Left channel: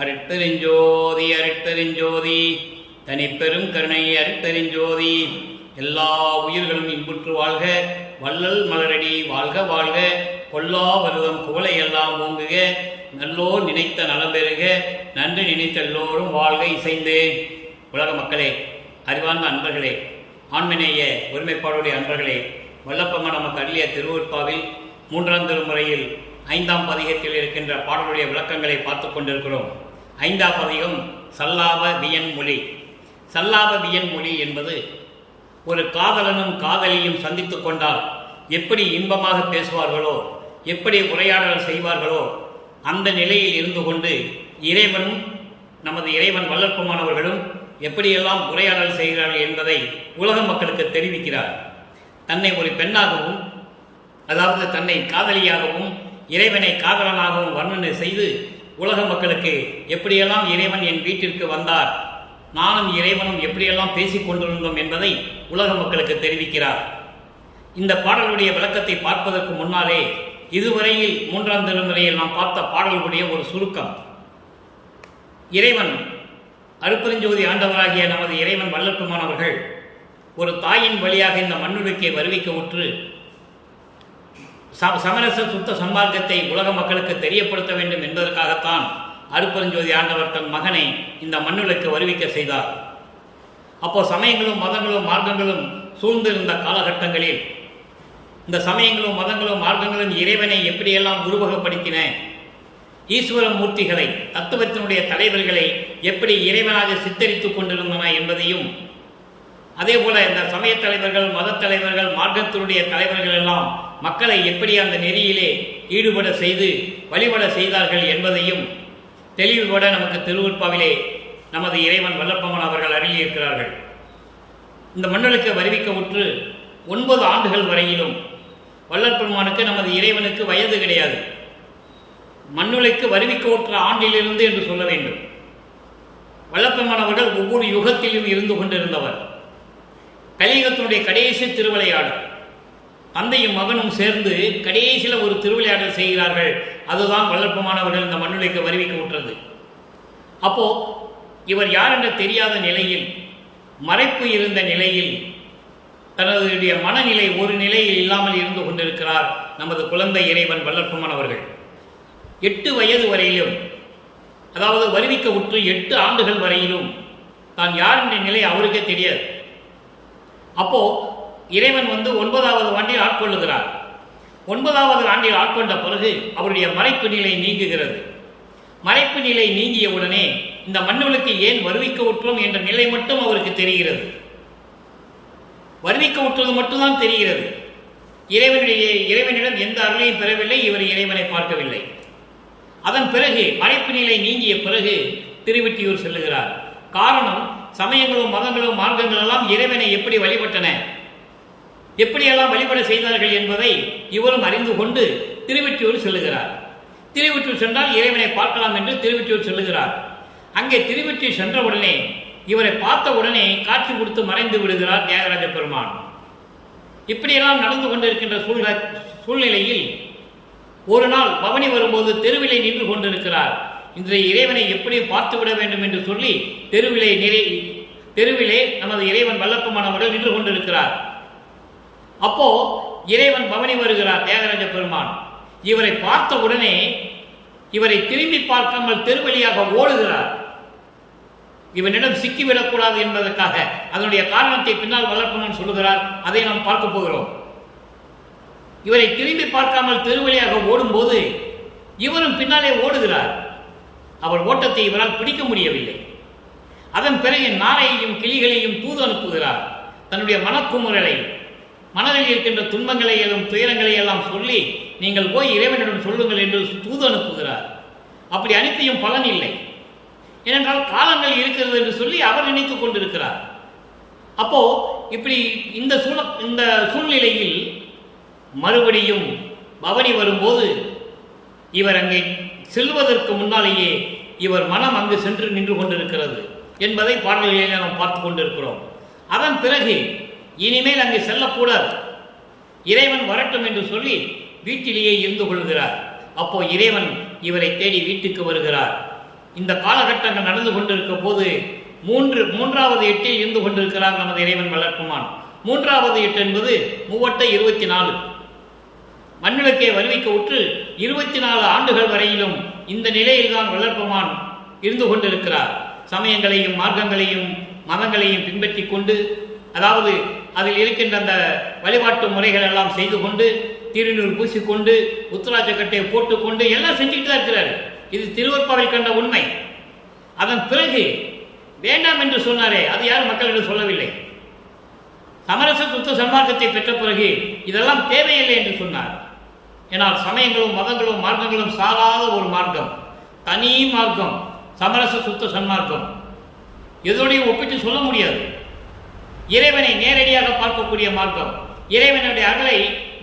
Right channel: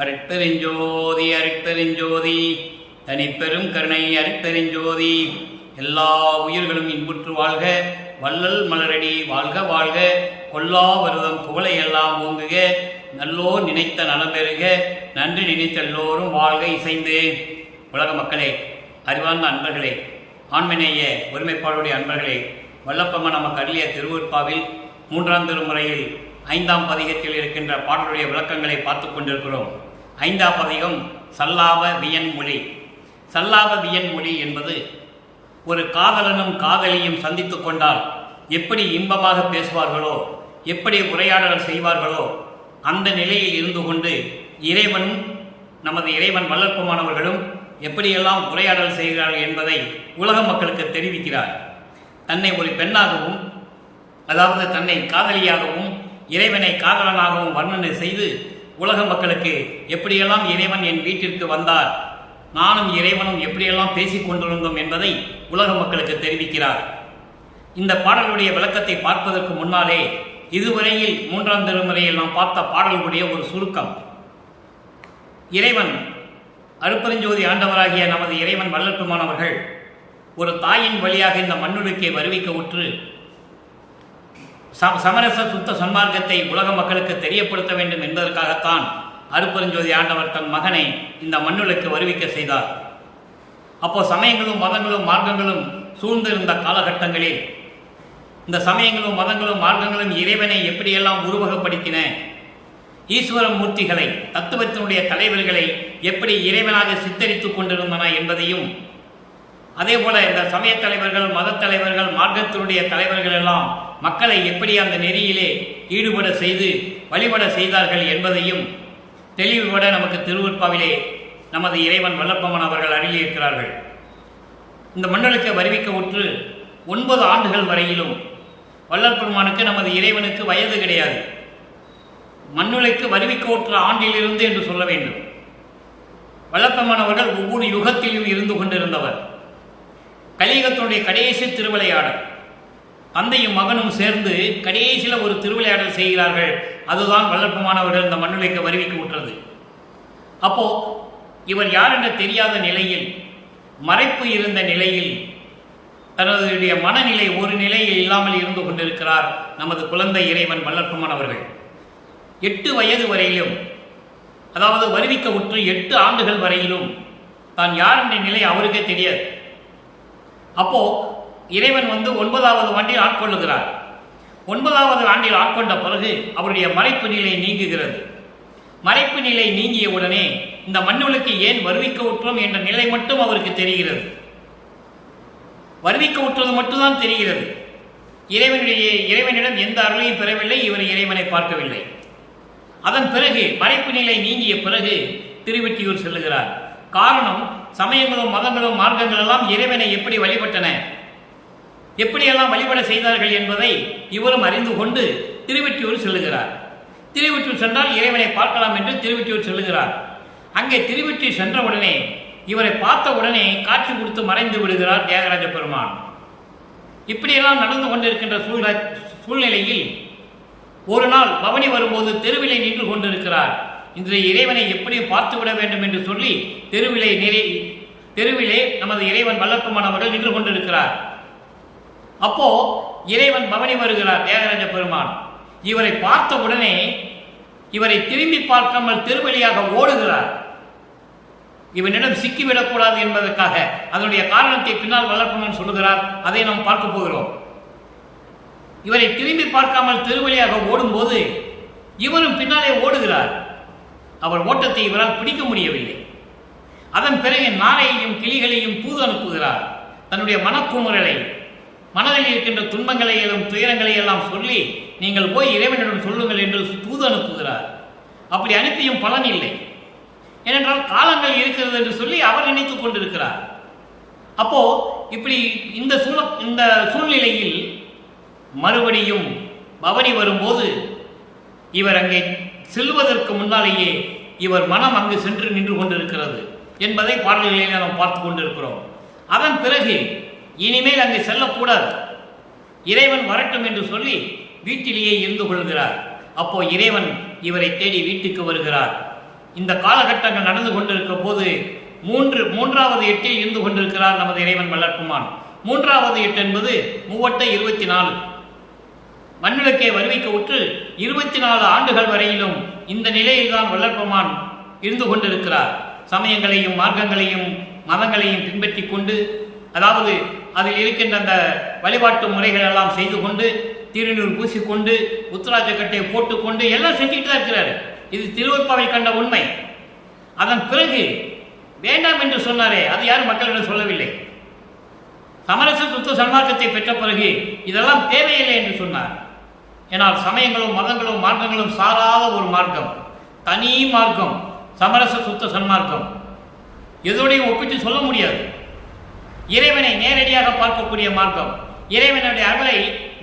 அருட்பெருஞ்சோதி அருட்பெருஞ்சோதி தனிப்பெரும் கருணை அருட்பெருஞ்சோதி. எல்லா உயிர்களும் இன்புற்று வாழ்க, வள்ளல் மலரடி வாழ்க வாழ்க, கொல்லா வருதம் குவளையெல்லாம் ஓங்குக, நல்லோர் நினைத்த நலம் பெறுக, நன்றி நினைத்த எல்லோரும் வாழ்க இசைந்து. உலக மக்களே, அறிவார்ந்த அன்பர்களே, ஆண்மநேய ஒருமைப்பாடுடைய அன்பர்களே, வல்லப்பம்ம நமக்கு அருளிய திருவுற்பாவில் 3ஆம் திருமுறையில் 5ஆம் பதிகத்தில் இருக்கின்ற பாடலுடைய விளக்கங்களை பார்த்து கொண்டிருக்கிறோம். 5ஆம் பதிகம் சல்லாப வியன்மொழி. சல்லாப வியன்மொழி என்பது ஒரு காதலனும் காதலியும் சந்தித்து கொண்டால் எப்படி இன்பமாக பேசுவார்களோ, எப்படி உரையாடல் செய்வார்களோ, அந்த நிலையில் இருந்து கொண்டு இறைவனும் நமது இறைவன் வல்லற்பமானவர்களும் எப்படியெல்லாம் உரையாடல் செய்கிறார்கள் என்பதை உலக மக்களுக்கு தெரிவிக்கிறார். தன்னை ஒரு பெண்ணாகவும், அதாவது தன்னை காதலியாகவும் இறைவனை காதலனாகவும் வர்ணனை செய்து உலக மக்களுக்கு எப்படியெல்லாம் இறைவன் என் வீட்டிற்கு வந்தார், நானும் இறைவனும் எப்படியெல்லாம் பேசிக் கொண்டிருந்தோம் என்பதை உலக மக்களுக்கு தெரிவிக்கிறார். இந்த பாடலுடைய விளக்கத்தை பார்ப்பதற்கு முன்னாலே இதுவரையில் 3ஆம் திருமுறையில் நாம் பார்த்த பாடலுடைய ஒரு சுருக்கம். இறைவன் அருட்பெருஞ்சோதி ஆண்டவராகிய நமது இறைவன் வல்லற்பெருமானவர்கள் ஒரு தாயின் வழியாக இந்த மண்ணுலகை வருவிக்க உற்று சமரச சுத்த சன்மார்க்கத்தை உலக மக்களுக்கு தெரியப்படுத்த வேண்டும் என்பதற்காகத்தான் அருட்பெருஞ்சோதி ஆண்டவர் தன் மகனை இந்த மண்ணுலகுக்கு வருவிக்க செய்தார். அப்போ சமயங்களும் மதங்களும் மார்க்கங்களும் சூழ்ந்திருந்த காலகட்டங்களில் இந்த சமயங்களும் மதங்களும் மார்க்கங்களும் இறைவனை எப்படியெல்லாம் உருவகப்படுத்தின, ஈஸ்வர மூர்த்திகளை தத்துவத்தினுடைய தலைவர்களை எப்படி இறைவனாக சித்தரித்துக் கொண்டிருந்தன என்பதையும், அதே போல இந்த சமய தலைவர்கள், மத தலைவர்கள், மார்க்கத்தினுடைய தலைவர்கள் எல்லாம் மக்களை எப்படி அந்த நெறியிலே ஈடுபட செய்து வழிபட செய்தார்கள் என்பதையும் தெளிவுபட நமக்கு திருவுற்பாவிலே நமது இறைவன் வல்லற்பமான் அவர்கள் அருளியிருக்கிறார்கள். இந்த மண்டலுக்கு வருவிக்க உற்று 9 ஆண்டுகள் வரையிலும் வல்லற்பெருமானுக்கு நமது இறைவனுக்கு வயது கிடையாது. மண்ணுலைக்கு வருவிக்க உற்ற ஆண்டிலிருந்து என்று சொல்ல வேண்டும். வல்லற்பெருமான் அவர்கள் ஒவ்வொரு யுகத்திலும் இருந்து கொண்டிருந்தவர். கலியுகத்தினுடைய கடைசி திருவிளையாடல், தந்தையும் மகனும் சேர்ந்து கடைசியில் ஒரு திருவிளையாடல் செய்கிறார்கள். அதுதான் வல்லற்பெருமானவர்கள் இந்த மண்ணுலைக்கு வருவிக்க உற்றது. அப்போ இவர் யார் என்று தெரியாத நிலையில், மறைப்பு இருந்த நிலையில், தனதுடைய மனநிலை ஒரு நிலையில் இல்லாமல் இருந்து கொண்டிருக்கிறார் நமது குழந்தை இறைவன் வல்லற்பெருமானவர்கள். 8 வயது வரையிலும், அதாவது வருவிக்க உற்று 8 ஆண்டுகள் வரையிலும் தான் யார் என்ற நிலை அவருக்கே தெரியாது. அப்போ இறைவன் 9வது ஆண்டில் ஆட்கொள்ளுகிறார். 9வது ஆண்டில் ஆட்கொண்ட பிறகு அவருடைய மறைப்பு நிலை நீங்குகிறது. மறைப்பு நிலை நீங்கிய உடனே இந்த மண்ணுலகுக்கு ஏன் வருவிக்க உற்றோம் என்ற நிலை மட்டும் அவருக்கு தெரிகிறது. வருவிக்க உற்றது மட்டும்தான் தெரிகிறது. இறைவனிடம் எந்த அருளையும் பெறவில்லை, இவர் இறைவனை பார்க்கவில்லை. அதன் பிறகு மறைப்பு நிலை நீங்கிய பிறகு திருவெற்றியூர் செல்லுகிறார். காரணம், சமயங்களும் மதங்களும் மார்க்கங்கள் எல்லாம் இறைவனை எப்படி வழிபட்டன, எப்படியெல்லாம் வழிபட செய்தார்கள் என்பதை இவரும் அறிந்து கொண்டு திருவெற்றியூர் செல்லுகிறார். திருவெற்றியூர் சென்றால் இறைவனை பார்க்கலாம் என்று திருவெற்றியூர் செல்லுகிறார். அங்கே திருவெற்றியூர் சென்றவுடனே இவரை பார்த்த உடனே காட்சி கொடுத்து மறைந்து விடுகிறார் தியாகராஜ பெருமான். இப்படியெல்லாம் நடந்து கொண்டிருக்கின்ற சூழ்நிலையில் ஒரு நாள் பவனி வரும்போது தெருவிலே நின்று கொண்டிருக்கிறார். இன்றைய இறைவனை எப்படியும் பார்த்து விட வேண்டும் என்று சொல்லி தெருவிலே நமது இறைவன் வல்லற்பெருமான் அவர்கள் நின்று கொண்டிருக்கிறார். அப்போ இறைவன் பவனி வருகிறார் தியாகராஜ பெருமான். இவரை பார்த்த உடனே இவரை திரும்பி பார்க்காமல் தெருவழியாக ஓடுகிறார். இவனிடம் சிக்கிவிடக்கூடாது என்பதற்காக. அதனுடைய காரணத்தை பின்னால் வல்லற்பெருமான் சொல்லுகிறார், அதை நாம் பார்க்க போகிறோம். இவரை திரும்பி பார்க்காமல் தெருவழியாக ஓடும்போது இவரும் பின்னாலே ஓடுகிறார். அவர் ஓட்டத்தை இவரால் பிடிக்க முடியவில்லை. அதன் பிறகு நாரையையும் கிளிகளையும் தூது அனுப்புகிறார். தன்னுடைய மனக்குமுறலை, மனதில் இருக்கின்ற துன்பங்களை எல்லாம் துயரங்களை எல்லாம் சொல்லி நீங்கள் போய் இறைவனிடம் சொல்லுங்கள் என்று தூது அனுப்புகிறார். அப்படி அனுப்பியும் பலன் இல்லை. ஏனென்றால் காலங்கள் இருக்கிறது என்று சொல்லி அவர் நினைத்துக் கொண்டிருக்கிறார். அப்போ இப்படி இந்த சூழ்நிலையில் மறுபடியும் பவனி வரும்போது இவர் அங்கே செல்வதற்கு முன்னாலேயே இவர் மனம் அங்கு சென்று நின்று கொண்டிருக்கிறது என்பதை பாடல்களிலே நாம் பார்த்து கொண்டிருக்கிறோம். அதன் பிறகு இனிமேல் அங்கு செல்லக்கூடாது, இறைவன் வரட்டும் என்று சொல்லி வீட்டிலேயே இருந்து கொள்கிறார். அப்போ இறைவன் இவரை தேடி வீட்டுக்கு வருகிறார். இந்த காலகட்டங்கள் நடந்து கொண்டிருக்க போது மூன்றாவது எட்டில் இருந்து கொண்டிருக்கிறார் நமது இறைவன் வளர்ப்புமான். மூன்றாவது எட்டு என்பது 24 மண்ணுலக்கே வருவிக்க உற்று 24 ஆண்டுகள் வரையிலும் இந்த நிலையில்தான் வளர்ப்புமான் இருந்து கொண்டிருக்கிறார். சமயங்களையும் மார்க்கங்களையும் மதங்களையும் பின்பற்றி கொண்டு, அதாவது அதில் இருக்கின்ற அந்த வழிபாட்டு முறைகள் எல்லாம் செய்து கொண்டு, திருநூறு பூசிக்கொண்டு, உத்தராட்ச கட்டையை போட்டுக்கொண்டு எல்லாம் செஞ்சுக்கிட்டு தான் இருக்கிறார். இது திருவற்பாவில் கண்ட உண்மை. அதன் பிறகு வேண்டாம் என்று சொன்னாரே, அது யாரும் மக்களிடம் சொல்லவில்லை. சமரச சுத்த சன்மார்க்கத்தை பெற்ற பிறகு இதெல்லாம் தேவையில்லை என்று சொன்னார். ஏனால் சமயங்களும் மதங்களும் மார்க்கங்களும் சாராத ஒரு மார்க்கம், தனி மார்க்கம் சமரச சுத்த சன்மார்க்கம். எதோடையும் ஒப்பிட்டு சொல்ல முடியாது. இறைவனை நேரடியாக பார்க்கக்கூடிய மார்க்கம், இறைவனுடைய அருளை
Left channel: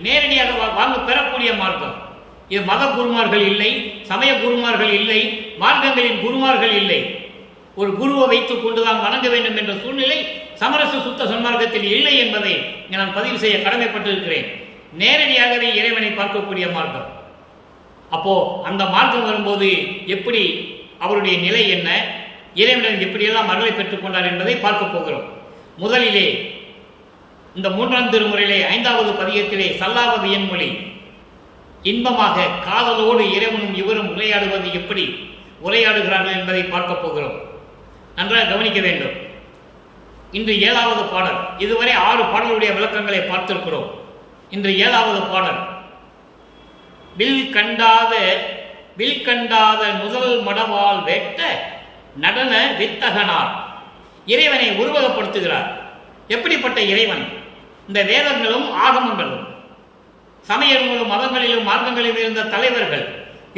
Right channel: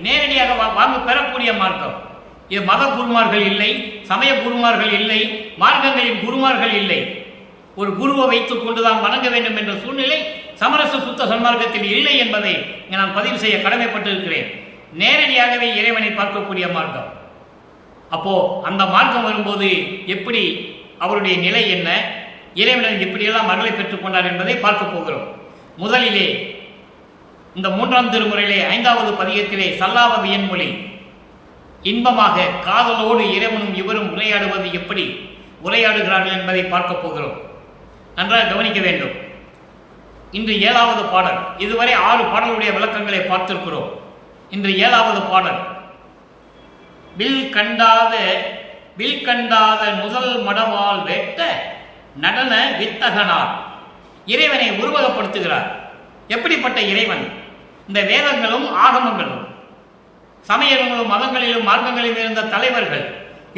நேரடியாக வாங்க பெறக்கூடிய மார்க்கம். இது மத குருமார்கள் இல்லை, சமய குருமார்கள் இல்லை, மார்க்கங்களின் குருமார்கள் இல்லை. ஒரு குருவை வைத்துக் கொண்டுதான் வணங்க வேண்டும் என்ற சூழ்நிலை சமரச சுத்த சன்மார்க்கத்தில் இல்லை என்பதை நான் பதிவு செய்ய கடமைப்பட்டிருக்கிறேன். நேரடியாகவே இறைவனை பார்க்கக்கூடிய மார்க்கம். அப்போ அந்த மார்க்கம் வரும்போது எப்படி அவருடைய நிலை என்ன, இறைவனிடம் எப்படியெல்லாம் அருளை பெற்றுக் கொண்டார் என்பதை பார்க்க போகிறோம். முதலிலே இந்த 3ஆம் திருமுறையிலே 5வது பதிகத்திலே சல்லாவது என்மொழி இன்பமாக காதலோடு இறைவனும் இவரும் உரையாடுவது எப்படி உரையாடுகிறார்கள் என்பதை பார்க்க போகிறோம். நன்றாக கவனிக்க வேண்டும். இன்று 7வது பாடல். இதுவரை 6 பாடலுடைய விளக்கங்களை பார்த்திருக்கிறோம். இன்று 7வது பாடல். வில் கண்டாத முதல் மடவால் வேட்ட நடன வித்தகனார். இறைவனை உருவகப்படுத்துகிறார். எப்படிப்பட்ட இறைவன்? இந்த வேதங்களும் ஆகமங்களும் சமயங்களும் மதங்களிலும் மார்க்கங்களிலும் இருந்த தலைவர்கள்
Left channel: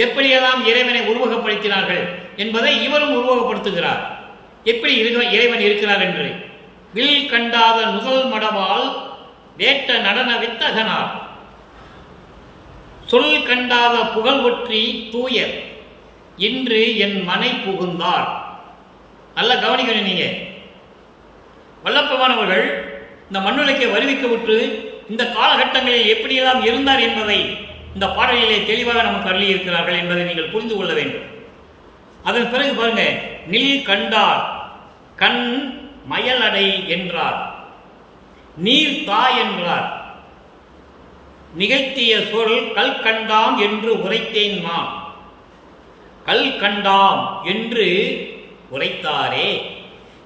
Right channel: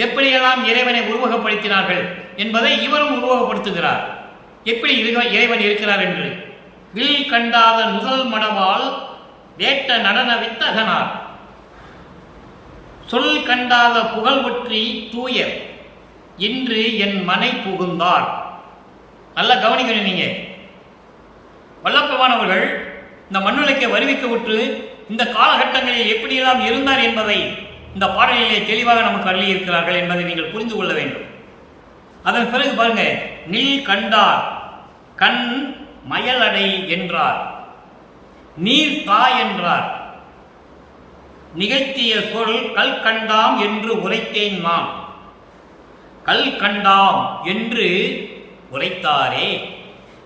எப்படியெல்லாம் இறைவனை உருவகப்படுத்தினார்கள் என்பதை இவரும் உருவகப்படுத்துகிறார். எப்படி இறைவன் இருக்கிறார் என்று. வில் கண்டாத முதல் மடவால் வேட்ட நடன வித்தகனார். சொல் கண்டாத புகழ் ஒற்றி தூயர் இன்று என் மனை புகுந்தார். நல்லா கவனிக்கணும். நீங்க வல்லப்பவானவர்கள் இந்த மண்ணுலக்கை வருவிக்க விட்டு இந்த காலகட்டங்களில் எப்படியெல்லாம் இருந்தார் என்பதை இந்த பாடலிலே தெளிவாக நமக்கு அருளி இருக்கிறார்கள் என்பதை நீங்கள் புரிந்து கொள்ள வேண்டும். அதன் பிறகு பாருங்க, நில் கண்டார் கண் மயலடை என்றார், நீர் தா என்றார், நிகழ்த்திய சொல் கல் கண்டாம் என்று உரைத்தேன் நான். கல் கண்டாம் என்று உரைத்தாரே.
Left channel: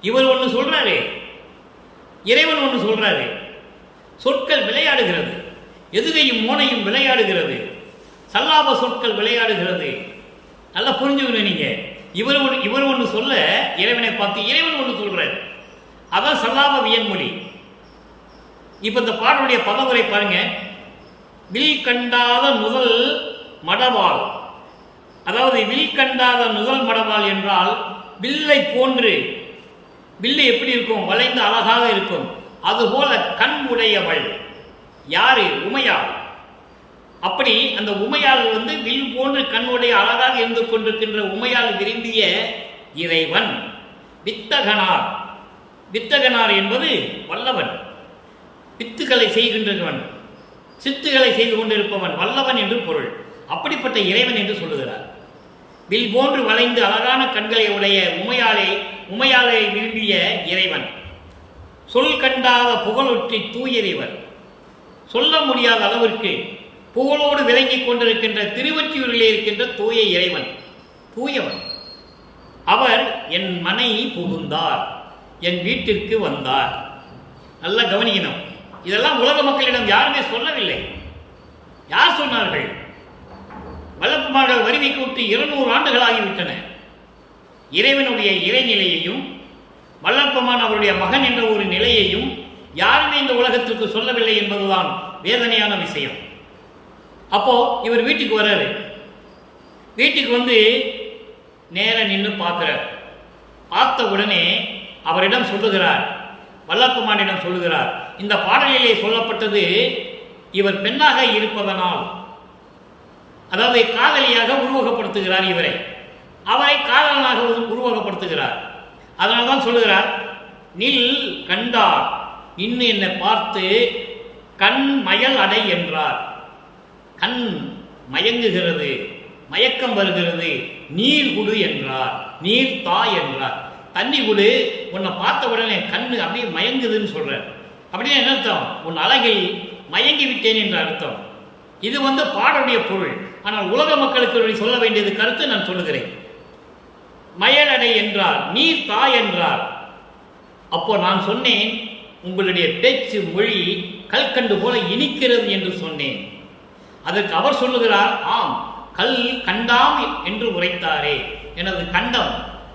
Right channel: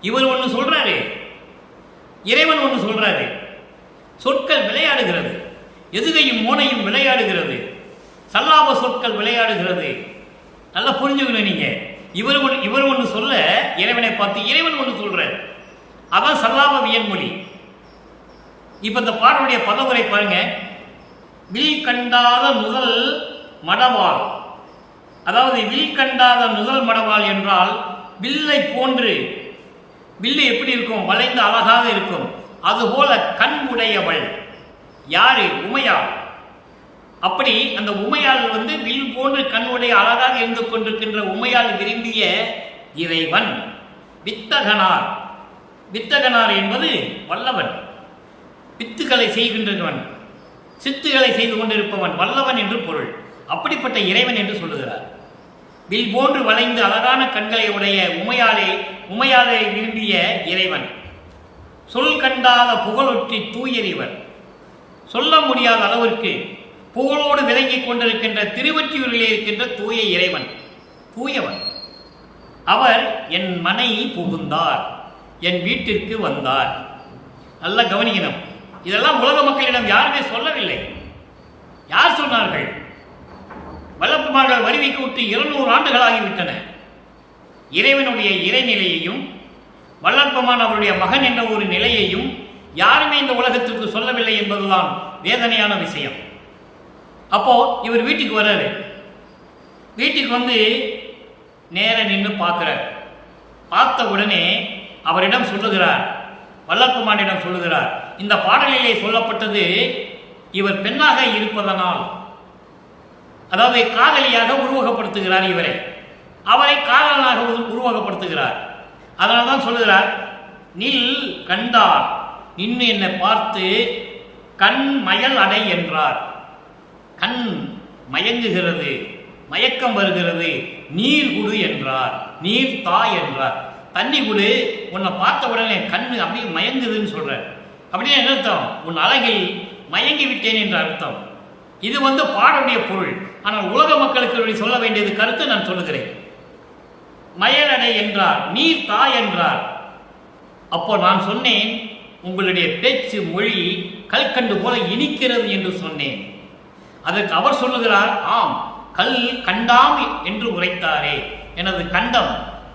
இவர் ஒன்று சொல்றாரு, இறைவன் ஒன்று சொல்றாரு. சொற்கள் விளையாடுகிறது, எதுகையும் மோனையும் விளையாடுகிறது, சல்லாப சொற்கள் விளையாடுகிறது. நல்லா புரிஞ்சுக்கணும் நீங்க. இவர் ஒன்று சொல்ல இறைவனை பார்த்து இறைவன் ஒன்று சொல்றார். அதான் சல்லாப வியன்மொழி. இப்ப இந்த பாடலுடைய பதவுரை பாருங்க. வில் கண்டாத முதல் மடவாள். அதாவது வில் கண்டாத முதல் மடவாள் என்றால் வில்லை போன்று, வில்லு எப்படி இருக்கும்? வளைந்து அழகாக இருக்கும். அதுபோல கண் உடையவள் யாரு? உமையாள். அப்படி அந்த உமையாள் வில் போன்று கண் உடைய அழகாக இருந்து கொண்டிருக்கின்ற உமையாள் விரும்பிய இறைவன் வித்தகனார். வித்தகனார் என்பது வல்லவன், வித்துக்களை செய்கின்றவன், சித்துகளை செய்து கொண்டிருப்பவன், வல்லவன் என்று பொருள். அப்படிப்பட்ட இறைவன் என்று சொல்லுகிறார். வில் போன்று வளைந்து அழகான கண்களை உடைய உமையாளை விரும்பிய இறைவன். சொல் கண்டாத புகழொற்றி தூயறிவர். சொல்ல முடியாத அளவிற்கு புகழோடு விளங்கிக் கொண்டிருக்கின்ற திருவொற்றியூரிலே இருக்கின்ற தூய இறைவன், தூயவன். அவர் என் மனை புகுந்தார், என் வீட்டிற்கு வந்தார். நல்லா கவனிக்கணும். இதெல்லாம் உலக மக்களிடம் யாருமே சொல்லவில்லை. யார் சொன்னார்கள்? வல்லப்பமார்கள் வருவிக்கு விட்டு 200 ஆண்டுகள் ஆகிவிட்டன. இறைவனுடைய இறைநிலையையும் வல்லப்பமான் அவருடைய மகன் என்ற ஒரு நிலையையும் யாருமே இந்த உலகத்திற்கு சொல்லவில்லை என்பதுதான் வேதனையான விஷயம். அப்போ இவர் வீட்டுக்கு வர்றாரு. வீட்டுக்கு வந்து நேர நின்று பார்க்கிறார். பார்த்த உடனே அவரிடம் சொல்லுகிறார், வல்லப்பமானிடம் சொல்லுகிறார், இந்த பாடலிலே சொல்லப்பட்டது இவர் பெண்ணாக இருப்பதனால், அதாவது காதலியாக உருவகப்படுத்துகிறார் இவரை, அவரை காதலனாக உருவகப்படுத்துகிறார். அதனால்தான் சொல்லுகிறார், நில் கண்டார், நின்று என்னை பார்த்து கண் மயல் அடை என்றார். கண் மயங்குகிறது, மயக்கம் வருகிறது, நீர் குடு என்றார், நீர் தா என்றார். தண்ணி குடு, உன்னை பார்த்த உடனே கண்ணு அப்படியே மயங்குதுன்னு சொல்றார். அப்படின்னு என்ன அர்த்தம்? உன் அழகில் மயங்கி விட்டேன் என்ற அர்த்தம். இது பாடலுடைய பொருள். ஆனால் உலக மக்களுக்கு சொல்ல வேண்டியது கருத்து நான் சொல்லுகிறேன். மயலடை என்றார், நீர் தா என்றார். அப்போ நான் சொன்னேன், உங்களுடைய பேச்சு மொழி கல்கண்டு போல இனிக்கிறது என்று சொன்னேன். அதற்கு அவர் சொல்லுகிறார், ஆம், கல் கண்டாம் என்று உரைத்தாரே, எனது கண்டம்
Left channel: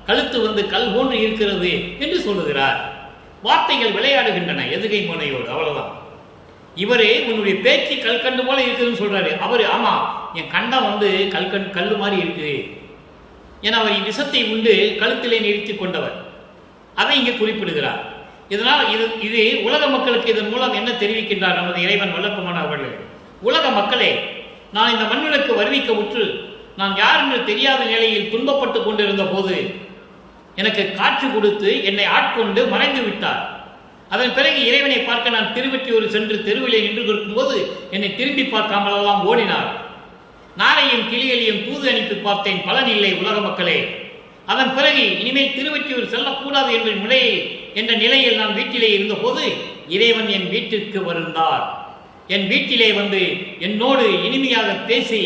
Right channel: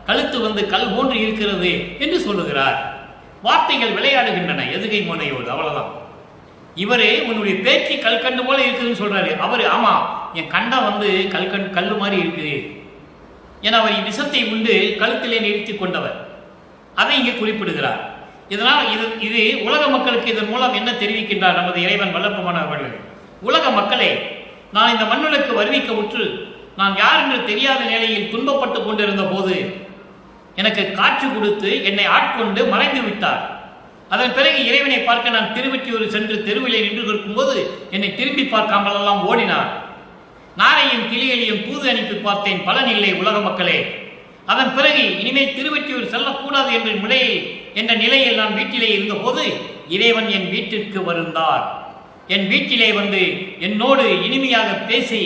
கழுத்து கல் போன்று இருக்கிறது என்று சொல்லுகிறார். வார்த்தைகள் விளையாடுகின்றன எதுகை முனையோடு, அவ்வளவுதான். இவரே உன்னுடைய பேச்சு கல்கண்டு போல இருக்குதுன்னு சொல்றாரு. அவரு ஆமா, என் கண்டம் கல்லு மாதிரி இருக்குது. என அவர் விஷத்தை உண்டு கழுத்திலே நிறுத்தி கொண்டவர். அதை இங்கே குறிப்பிடுகிறார். இதனால் இது உலக மக்களுக்கு இதன் மூலம் என்ன தெரிவிக்கின்றார் நமது இறைவன் வல்லப்பமான அவர்கள்? உலக மக்களே, நான் இந்த மண்ணுலக்கு வருவிக்க உற்று நான் யார் என்று தெரியாத நிலையில் துன்பப்பட்டு கொண்டிருந்த போது எனக்கு காட்சி கொடுத்து என்னை ஆட்கொண்டு மறைந்து விட்டார். அதன் பிறகு இறைவனை பார்க்க நான் திருவெற்றியூர் சென்று தெருவிலே நின்று இருக்கும்போது என்னை திரும்பி பார்க்காமலெல்லாம் ஓடினார். நாரையும் கிளிகளையும் தூது அனுப்பி பார்த்தேன், பலன் இல்லை உலக மக்களே. அதன் பிறகு இனிமேல் திருவெற்றியூர் செல்லக்கூடாது என்ற நிலையில் நான் வீட்டிலே இருந்தபோது இறைவன் என் வீட்டிற்கு வருந்தார். என் வீட்டிலே என்னோடு இனிமையாக பேசி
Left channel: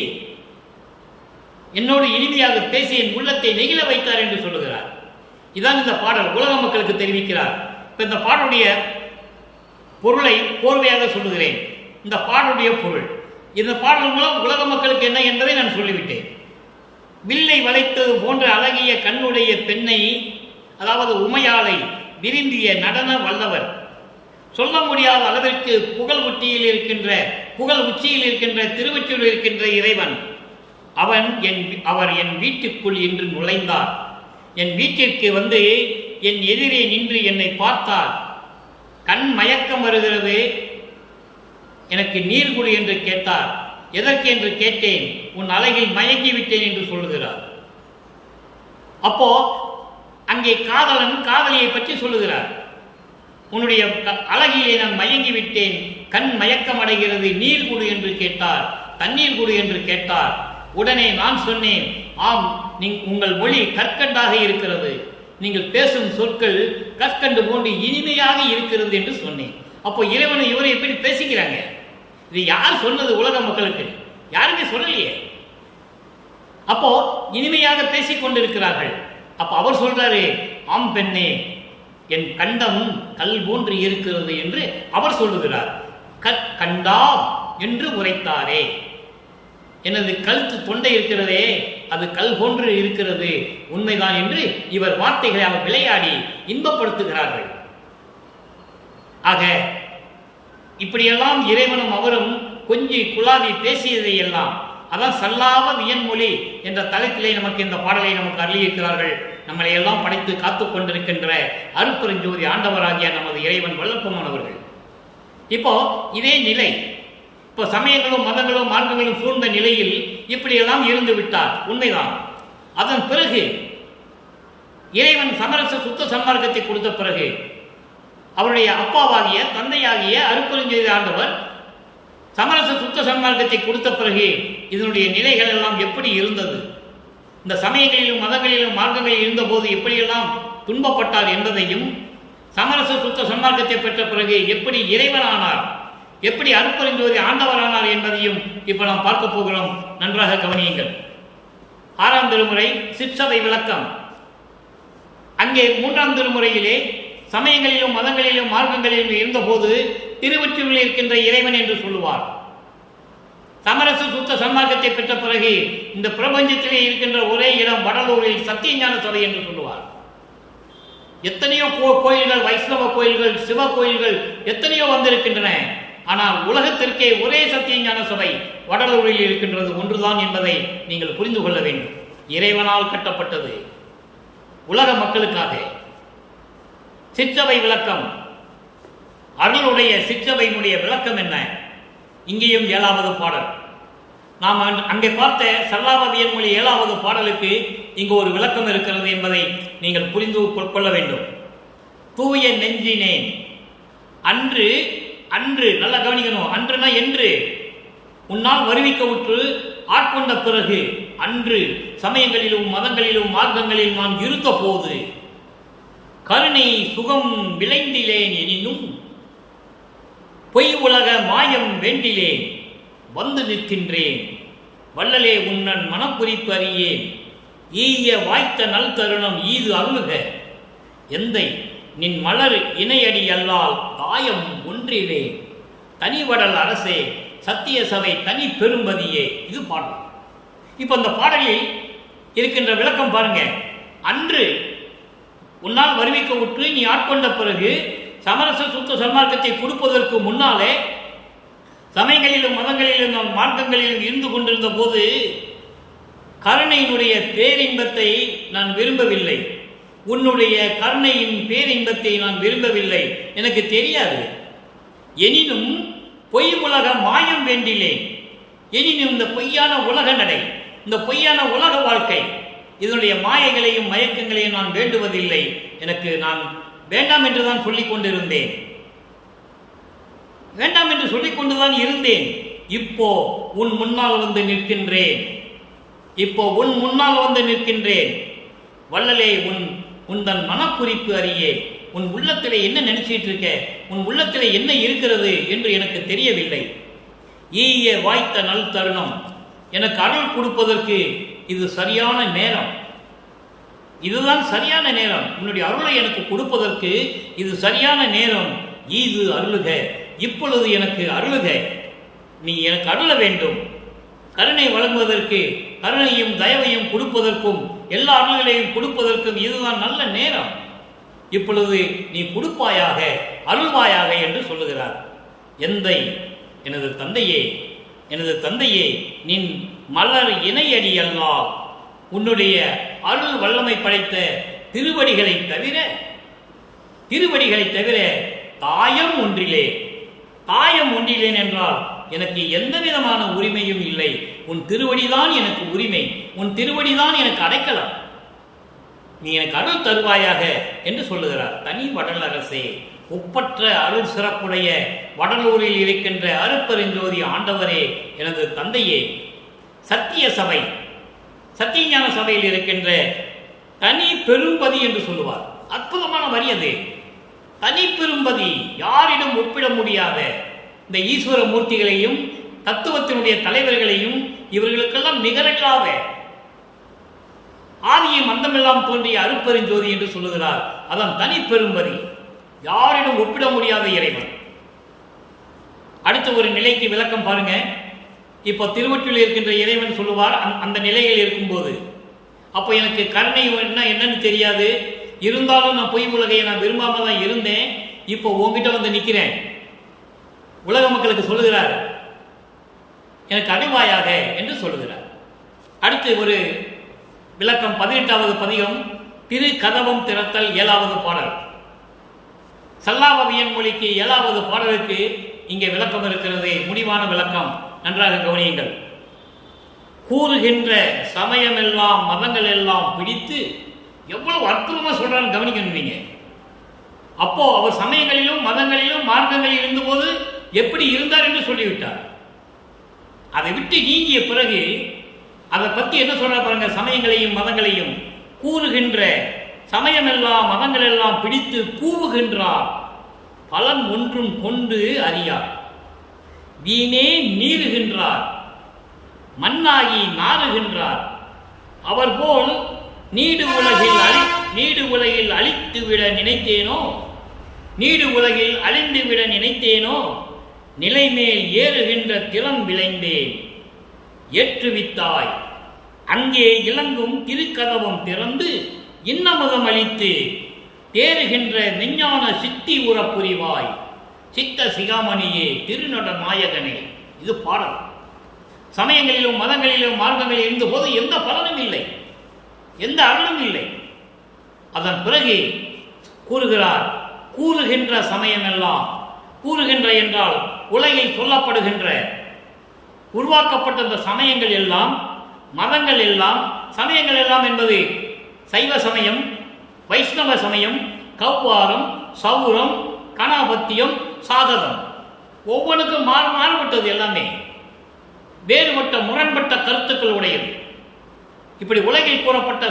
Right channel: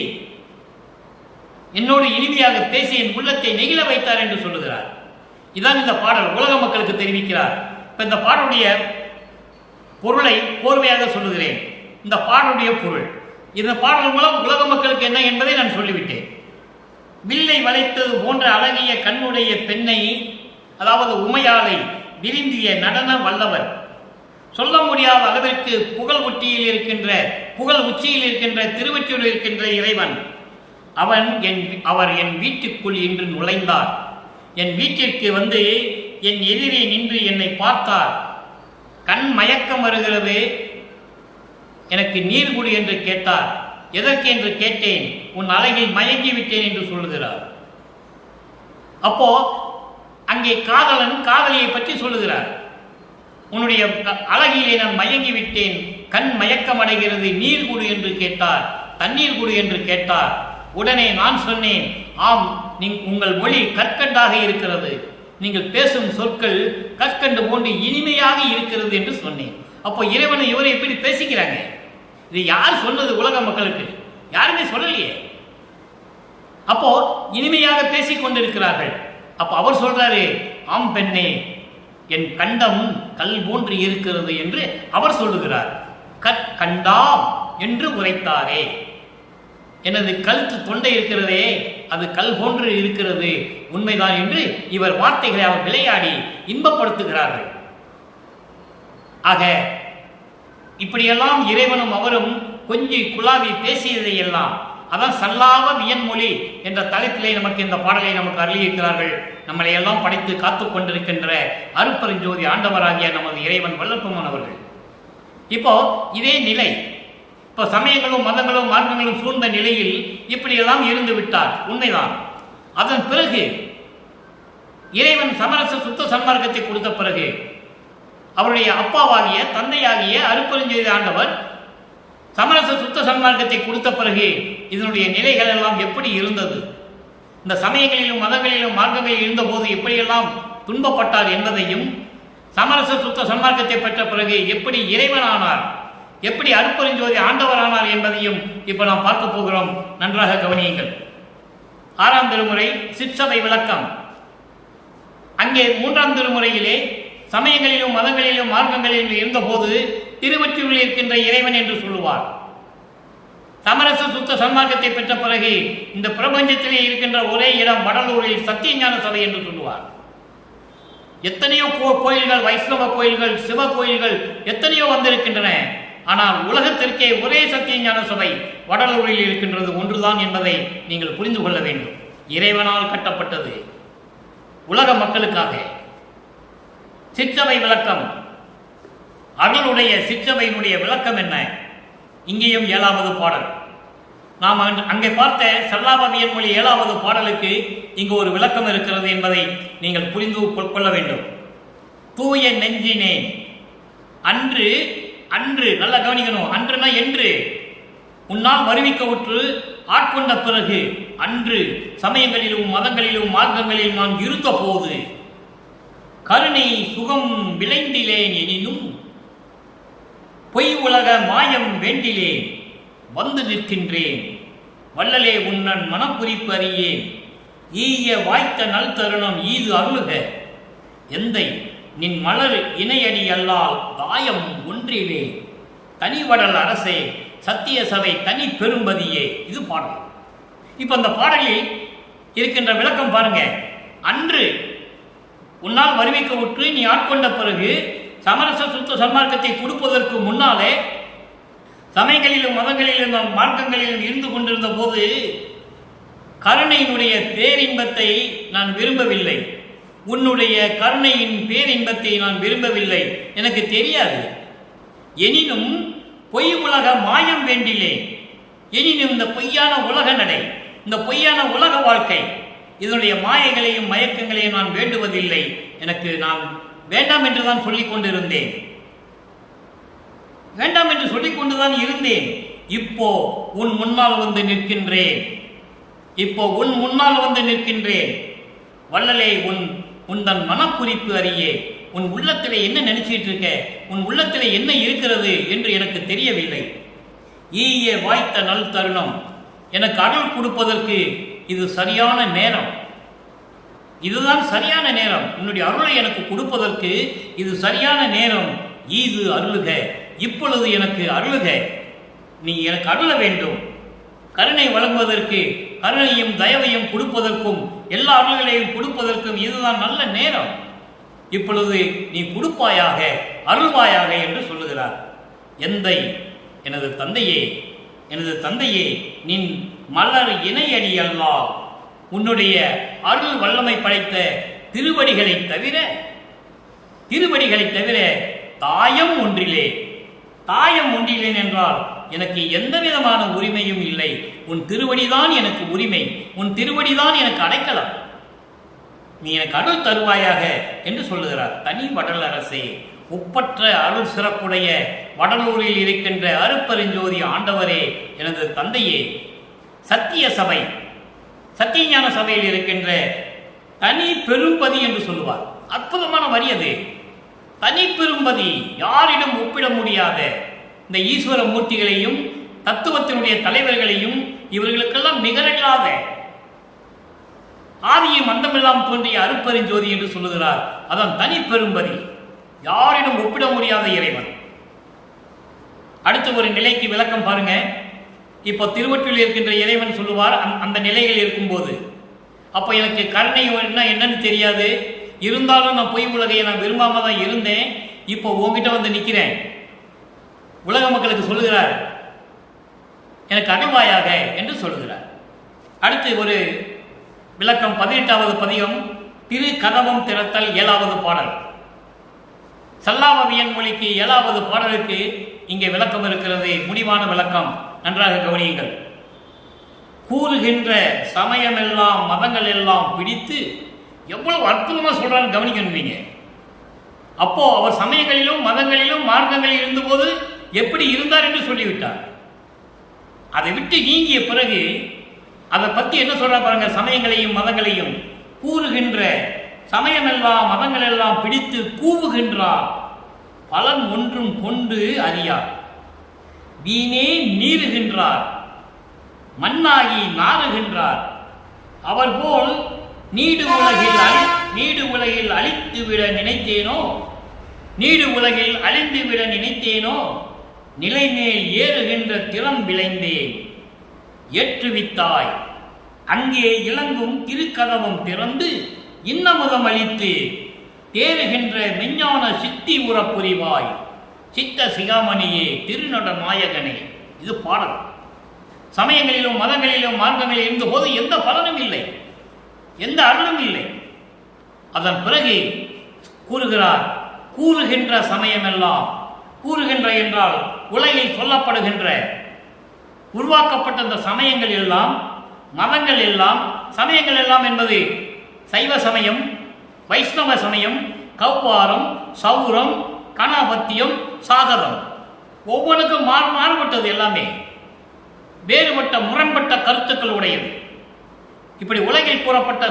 என் உள்ளத்தை நெகிழ வைத்தார் என்று சொல்லுகிறார். இதான் இந்த பாடல் உலக மக்களுக்கு தெரிவிக்கிறார். இப்ப இந்த பாடலுடைய பொருளை கோர்வையாக சொல்லுகிறேன். இந்த பாடலுடைய பொருள், இந்த பாடல் மூலம் உலக மக்களுக்கு என்ன என்பதை நான் சொல்லிவிட்டேன். வில்லை வளைத்தது போன்ற அழகிய கண்ணுடைய பெண்ணை, அதாவது உமையாளை விரும்பிய நடன வல்லவர், சொல்ல முடியாத அளவிற்கு புகழ் உச்சியில் இருக்கின்ற திருவொற்றியூரில் இருக்கின்ற இறைவன், அவர் என் வீட்டுக்குள் இன்று நுழைந்தார். என் வீட்டிற்கு என் எதிரே நின்று என்னை பார்த்தார். கண் மயக்கம் வருகிறது, எனக்கு நீர் குடு என்று கேட்டார். எதற்கு என்று கேட்டேன், உன் அழகில் மயங்கி விட்டேன் என்று சொல்லுகிறார். அப்போ அங்கே காதலன் காதலியை பற்றி சொல்லுகிறார். உன்னுடைய அழகிலே நான் மயங்கி விட்டேன், கண் மயக்கம் அடைகிறது, நீர் குடு என்று கேட்டார், தண்ணீர் குடு என்று கேட்டார். உடனே நான் சொன்னேன், ஆம், உங்கள் மொழி கற்கண்டாக இருக்கிறது, நீங்கள் பேசும் சொற்கள் கற்கண்டு போன்று இனிமையாக இருக்கிறது என்று சொன்னேன். அப்போ இறைவனை இவரை எப்படி பேசிக்கிறாங்க? இது யார் சொன்னது? உலக மக்களுக்கு யாருமே சொல்லலையே. அப்போ இனிமையாக பேசிக் கொண்டிருக்கிறார்கள். அப்போ அவர் சொல்றாரு, ஆம் பெண்ணே, என் கண்டம் கல் போன்று இருக்கிறது என்று அவர் சொல்லுகிறார். கண்டாம் என்று உரைத்தாரே, எனது கழுத்து தொண்டை இருக்கிறதே, அது கல் போன்று இருக்கிறது, உண்மைதான் என்று இவர் வார்த்தைகளை அவர் விளையாடி இன்பப்படுத்துகிறார்கள். ஆக இப்படியெல்லாம் இறைவனும் அவரும் கொஞ்சி குழாவி பேசியதையெல்லாம், அதான் சல்லாவ வியன்மொழி என்ற தலைப்பிலே நமக்கு இந்த பாடலை நமக்கு அருளியிருக்கிறார்கள். நம்மளை எல்லாம் படைத்து காத்து கொண்டிருக்கின்ற அருட்பெருஞ்சோதி ஆண்டவராகிய நமது இறைவன் வல்லப்பமானவர்கள். இப்போ இதே நிலை, இப்போ சமயங்களும் மதங்களும் மார்க்கங்களும் சூழ்ந்த நிலையில் இப்படியெல்லாம் இருந்து விட்டார், உண்மைதான். அதன் பிறகு இறைவன் சமரச சுத்த சன்மார்க்கத்தை கொடுத்த பிறகு அவருடைய அப்பாவாகிய தந்தையாகிய அருட்பெருஞ்சோதி ஆண்டவர் சமரச சுத்த சன்மார்க்கத்தை கொடுத்த பிறகு இதனுடைய நிலைகள் எல்லாம் எப்படி இருந்தது, இந்த சமயங்களிலும் மதங்களிலும் மார்க்கங்களில் இருந்தபோது எப்படியெல்லாம் துன்பப்பட்டார் என்பதையும், சமரச சுத்த சன்மார்க்கத்தை பெற்ற பிறகு எப்படி இறைவனானார், எப்படி அருட்பெருஞ்சோதி ஆண்டவரானார் என்பதையும் இப்போ நாம் பார்க்க போகிறோம். நன்றாக கவனியுங்கள். 6ஆம் திருமுறை சிற்சபை விளக்கம். அங்கே 3ஆம் திருமுறையிலே சமயங்களிலும் மதங்களிலும் மார்க்கங்களிலும் இருந்தபோது திருவொற்றியூரில் இருக்கின்ற இறைவன் என்று சொல்லுவார். சமரச சுத்த சன்மார்க்கத்தை பெற்ற பிறகு இந்த பிரபஞ்சத்திலே இருக்கின்ற ஒரே இடம் வடலூரில் சத்தியஞான சபை என்று சொல்லுவார். எத்தனையோ கோயில்கள், வைஷ்ணவ கோயில்கள், சிவ கோயில்கள் எத்தனையோ வந்திருக்கின்றன. ஆனால் உலகத்திற்கே ஒரே சத்தியஞான சபை வடலூரில் இருக்கின்றது ஒன்றுதான் என்பதை நீங்கள் புரிந்து கொள்ள வேண்டும். இறைவனால் கட்டப்பட்டது, உலக மக்களுக்காக. சிற்சபை விளக்கம். அருளுடைய சிற்சபையினுடைய விளக்கம் என்ன? இங்கேயும் 7வது பாடல். நாம் அங்கே பார்த்த சல்லாபவியன் மொழி 7வது பாடலுக்கு இங்கு ஒரு விளக்கம் இருக்கிறது என்பதை நீங்கள் புரிந்து கொள்ள வேண்டும். தூய நெஞ்சினேன் அன்று, அன்று நல்லா கவனிக்கணும், அன்றுனா என்று, உன்னால் வருவிக்க உற்று ஆட்கொண்ட பிறகு அன்று சமயங்களிலும் மதங்களிலும் மார்க்கங்களில் நான் இருந்தபோது கருணை சுகம் விளைந்திலேன் எனினும் பொய் உலக மாயம் வேண்டிலேன் வந்து நிற்கின்றேன் வள்ளலே உன்னன் மனக்குறிப்பு அறியேன் ஈய வாய்த்த நல் தருணம் ஈது அருளுக எந்தை நின் மலர் இணையடி அல்லால் தாயம் ஒன்றிலே தனிவடல் அரசே சத்திய சபை தனி பெரும்பதியே. இது பாடல். இப்போ அந்த பாடலில் இருக்கின்ற விளக்கம் பாருங்க. அன்று உன்னால் வருவிக்க உற்று நீ ஆட்கொண்ட பிறகு சமரச சுத்த சன்மார்க்கத்தை கொடுப்பதற்கு முன்னாலே சமயங்களிலும் மதங்களிலும் மார்க்கங்களிலும் இருந்து கொண்டிருந்த போது கருணையினுடைய பேரின்பத்தை நான் விரும்பவில்லை. உன்னுடைய கருணையின் பேரின்பத்தை நான் விரும்பவில்லை, எனக்கு தெரியாது. எனினும் பொய் உலக மாயம் வேண்டிலே, எனினும் இந்த பொய்யான உலக நடை, இந்த பொய்யான உலக வாழ்க்கை, இதனுடைய மாயைகளையும் மயக்கங்களையும் நான் வேண்டுவதில்லை. எனக்கு நான் வேண்டாம் என்று தான் சொல்லிக் கொண்டிருந்தேன், வேண்டாம் என்று சொல்லிக் கொண்டுதான் இருந்தேன். இப்போ உன் முன்னால் வந்து நிற்கின்றேன், இப்போ உன் முன்னால் வந்து நிற்கின்றேன். வள்ளலே உன் மனக்குறிப்பு அறியே. உன் உள்ளத்தில் என்ன நினைச்சிட்டு இருக்க, உன் உள்ளத்தில் என்ன இருக்கிறது என்று எனக்கு தெரியவில்லை. ஈய வாய்த்த நல் தருணம், எனக்கு அருள் கொடுப்பதற்கு இது சரியான நேரம், இதுதான் சரியான நேரம். உன்னுடைய அருளை எனக்கு கொடுப்பதற்கு இது சரியான நேரம். ஈது அருளுக, இப்பொழுது எனக்கு அருளுக, நீ எனக்கு அருள வேண்டும். கருணை வழங்குவதற்கு, கருணையும் தயவையும் கொடுப்பதற்கும் எல்லா அருள்களையும் கொடுப்பதற்கும் இதுதான் நல்ல நேரம். இப்பொழுது நீ கொடுப்பாயாக, அருள்வாயாக என்று சொல்லுகிறார். எந்தை, எனது தந்தையே, எனது தந்தையே, நின் மலர் இணையடி அல்லால் உன்னுடைய அருள் வல்லமை படைத்த திருவடிகளை தவிர தாயம் ஒன்றிலே, தாயம் ஒன்றிலேன் என்றால் எனக்கு எந்த விதமான உரிமையும் இல்லை. உன் திருவடிதான் எனக்கு உரிமை, உன் திருவடிதான் எனக்கு அடைக்கலம். நீ எனக்கு அருள் தருவாயாக என்று சொல்லுகிறார். தனி வடல் அரசே, ஒப்பற்ற அருள் சிறப்புடைய வடலூரில் இருக்கின்ற அருட்பெருஞ்சோதி ஆண்டவரே, எனது தந்தையே, சத்திய சபை, சத்தியஞான சபையில் இருக்கின்ற தனி பெரும்பதி என்று சொல்லுவார். அற்புதமான வரி அது. தனி பெரும்பதி, யாரிடம் ஒப்பிட முடியாத இந்த ஈஸ்வர மூர்த்திகளையும் தத்துவத்தினுடைய தலைவர்களையும் இவர்களுக்கெல்லாம் நிகரில்லாத ஆதியும் அந்தமெல்லாம் தோன்றிய அருட்பெருஞ்சோதி என்று சொல்லுகிறார். அதான் தனி பெரும்பதி, யாரிடம் ஒப்பிட முடியாத இறைவன். அடுத்த ஒரு நிலைக்கு விளக்கம் பாருங்க. இப்போ திருவொற்றில் இருக்கின்ற இறைவன் சொல்லுவார், அந்த நிலைகள் இருக்கும்போது, அப்போ எனக்கு கருணை என்னன்னு தெரியாது, இருந்தாலும் நான் பொய் உலகையை நான் விரும்பாம தான் இருந்தேன். இப்போ உங்ககிட்ட வந்து நிற்கிறேன், உலக மக்களுக்கு சொல்லுகிறார், எனக்கு அருள்வாயாக என்று சொல்லுகிறார். அடுத்து ஒரு விளக்கம், 18வது பதிகம், திரு கதவம் திறத்தல் 7வது பாடல். சல்லாவவியன் மொழிக்கு 7வது பாடலுக்கு இங்கே விளக்கம் இருக்கிறது, முடிவான விளக்கம். நன்றாக கவனியுங்கள். கூறுகின்ற சமயமெல்லாம் மதங்கள் எல்லாம் பிடித்து, எவ்வளவு அற்புதமாக சொல்றான்னு கவனிக்கணுவீங்க. அப்போ அவர் சமயங்களிலும் மதங்களிலும் மார்க்கங்களில் இருந்தபோது எப்படி இருந்தார் என்று சொல்லிவிட்டார். அதை விட்டு நீங்கிய பிறகு அதை பற்றி என்ன சொல்ற பாருங்க. சமயங்களையும் மதங்களையும் கூறுகின்ற, சமயமெல்லாம் மதங்கள் எல்லாம் பிடித்து கூவுகின்றார், பலன் ஒன்றும் கொண்டு அறியார், வீணே நீருகின்றார், மண்ணாகி நாறுகின்றார். அவர் போல் நீடு உலகில் அழித்துவிட நினைத்தேனோ, நீடு உலகில் அழிந்துவிட நினைத்தேனோ, நிலைமேல் ஏறுகின்ற திறம் விளைந்தேன், ஏற்றுவித்தாய் அங்கே இலங்கும் திருக்கதவம் திறந்து இன்னமுதம் அளித்து தேறுகின்ற மெஞ்ஞான சித்தி உறப் புரிவாய், சித்த சிகாமணியே, திருநட நாயகனே. இது பாடல். சமயங்களிலும் மதங்களிலும் மார்க்கங்களில் இருந்தபோது எந்த பலனும் இல்லை, எந்த அருளும் இல்லை. அதன் பிறகு கூறுகிறார், கூறுகின்ற சமயமெல்லாம், கூறுகின்ற என்றால் உலகில் சொல்லப்படுகின்ற உருவாக்கப்பட்ட அந்த சமயங்கள் எல்லாம், மதங்கள் எல்லாம், சமயங்கள் எல்லாம் என்பது சைவ சமயம், வைஷ்ணவ சமயம், கௌவாரம், சௌரம், கணபத்தியம், சாகதம், ஒவ்வொன்றுக்கும் மாறுபட்டது எல்லாமே. வேறுபட்ட முரண்பட்ட கருத்துக்கள் உடையது. இப்படி உலகில் கூறப்பட்ட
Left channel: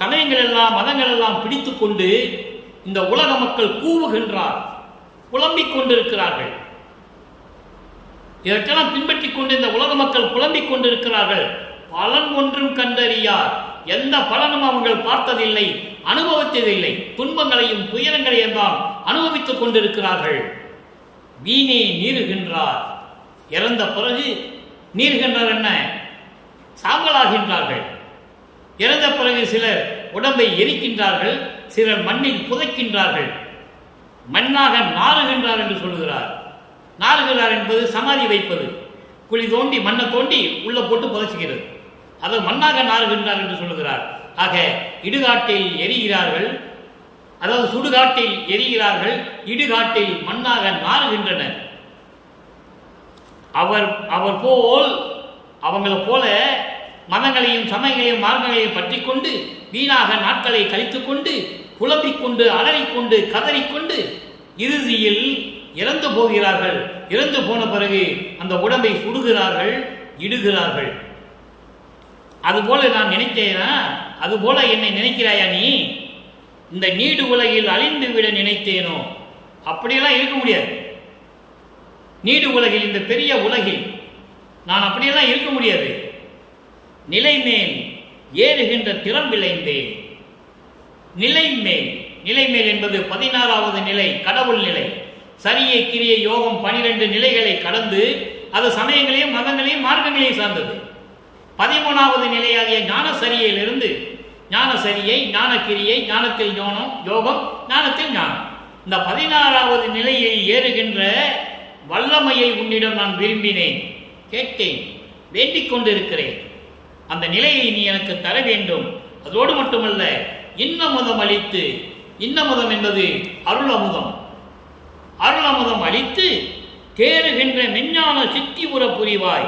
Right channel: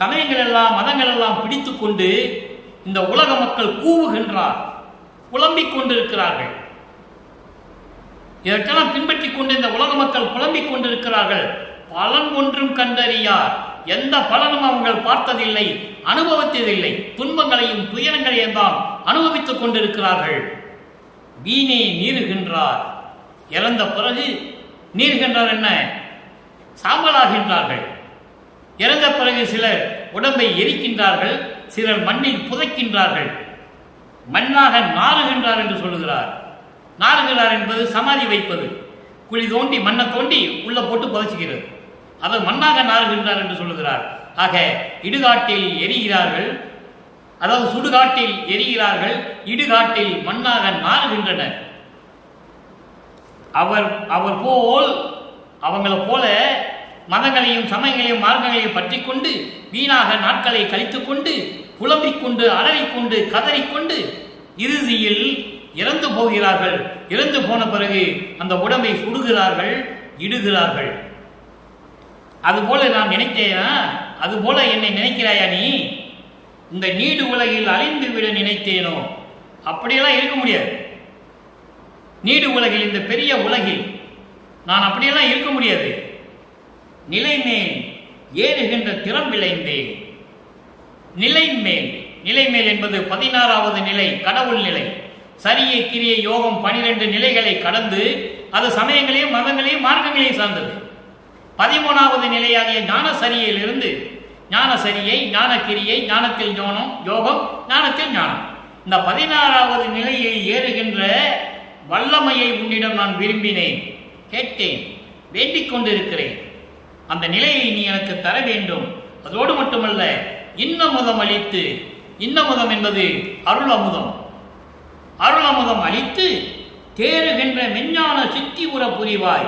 சமயங்கள் எல்லாம் மதங்கள் எல்லாம் பிடித்து கொண்டு இந்த உலக மக்கள் கூவுகின்றார், புலம்பிக் கொண்டிருக்கிறார்கள். இதற்கெல்லாம் பின்பற்றி கொண்டு இந்த உலக மக்கள் புலம்பிக் கொண்டிருக்கிறார்கள். பலன் ஒன்றும் கண்டறியார், எந்த பலனும் அவங்கள் பார்த்ததில்லை, அனுபவித்ததில்லை. துன்பங்களையும் துயரங்களையும் தான் அனுபவித்துக் கொண்டிருக்கிறார்கள். வீணே நீருகின்றார், இறந்த பிறகு நீருகின்றார் என்ன, சாம்பலாகின்றார்கள். இறந்த பிறகு சிலர் உடம்பை எரிக்கின்றார்கள், சிலர் மண்ணில் புதைக்கின்றார்கள். மண்ணாக நாறுகின்றார் என்று சொல்லுகிறார். நாறுகிறார் என்பது சமாதி வைப்பது, குழி தோண்டி மண்ணை தோண்டி உள்ள போட்டு புதைச்சுகிறது, அது மண்ணாக நாறுகின்றார் என்று சொல்லுகிறார். ஆக இடுகாட்டில் எரிகிறார்கள், அதாவது சுடுகாட்டில் எரிகிறார்கள், இடுகாட்டில் மண்ணாக நாறுகின்றனர். அவர் போல் அவங்களை போல மதங்களையும் சமயங்களையும் மார்க்கங்களையும் பற்றி கொண்டு வீணாக நாட்களை கழித்துக் கொண்டு புலம்பிக் கொண்டு அலறிக்கொண்டு கதறிக்கொண்டு இறுதியில் இறந்து போகிறார்கள். இறந்து போன பிறகு அந்த உடம்பை சுடுகிறார்கள், இடுகிறார்கள். அதுபோல நான் நினைத்தேனா, அதுபோல என்னை நினைக்கிறாயா நீ? இந்த நீடு உலகில் அழிந்து விட நினைத்தேனோ? அப்படியெல்லாம் இருக்க முடியாது. நீடு உலகில், இந்த பெரிய உலகில் நான் அப்படியெல்லாம் இருக்க முடியாது. நிலை மேல் ஏறுகின்ற திறம் விளைந்தேன். நிலை மேல் என்பது 16வது நிலை, கடவுள் நிலை. சரியை கிரியை யோகம் 12 நிலைகளை கடந்து அது சமயங்களையும் மதங்களையும் மார்க்கங்களையும் சார்ந்தது. 13வது நிலையாகிய ஞான சரியிலிருந்து ஞான சரியை, ஞான கிரியை, ஞானத்தில் யோகம், ஞானத்தில் ஞானம், இந்த 16வது நிலையை ஏறுகின்ற வல்லமையை உன்னிடம் நான் விரும்பினேன், கேட்டேன், வேண்டிக் கொண்டிருக்கிறேன். அந்த நிலையை நீ எனக்கு தர வேண்டும். அதோடு மட்டுமல்ல, இன்னமுதம் அளித்து, இன்னமுதம் என்பது அருள் அமுதம், அருள் அமுதம் அளித்து தேறுகின்ற மெஞ்ஞான சித்தி உற புரிவாய்.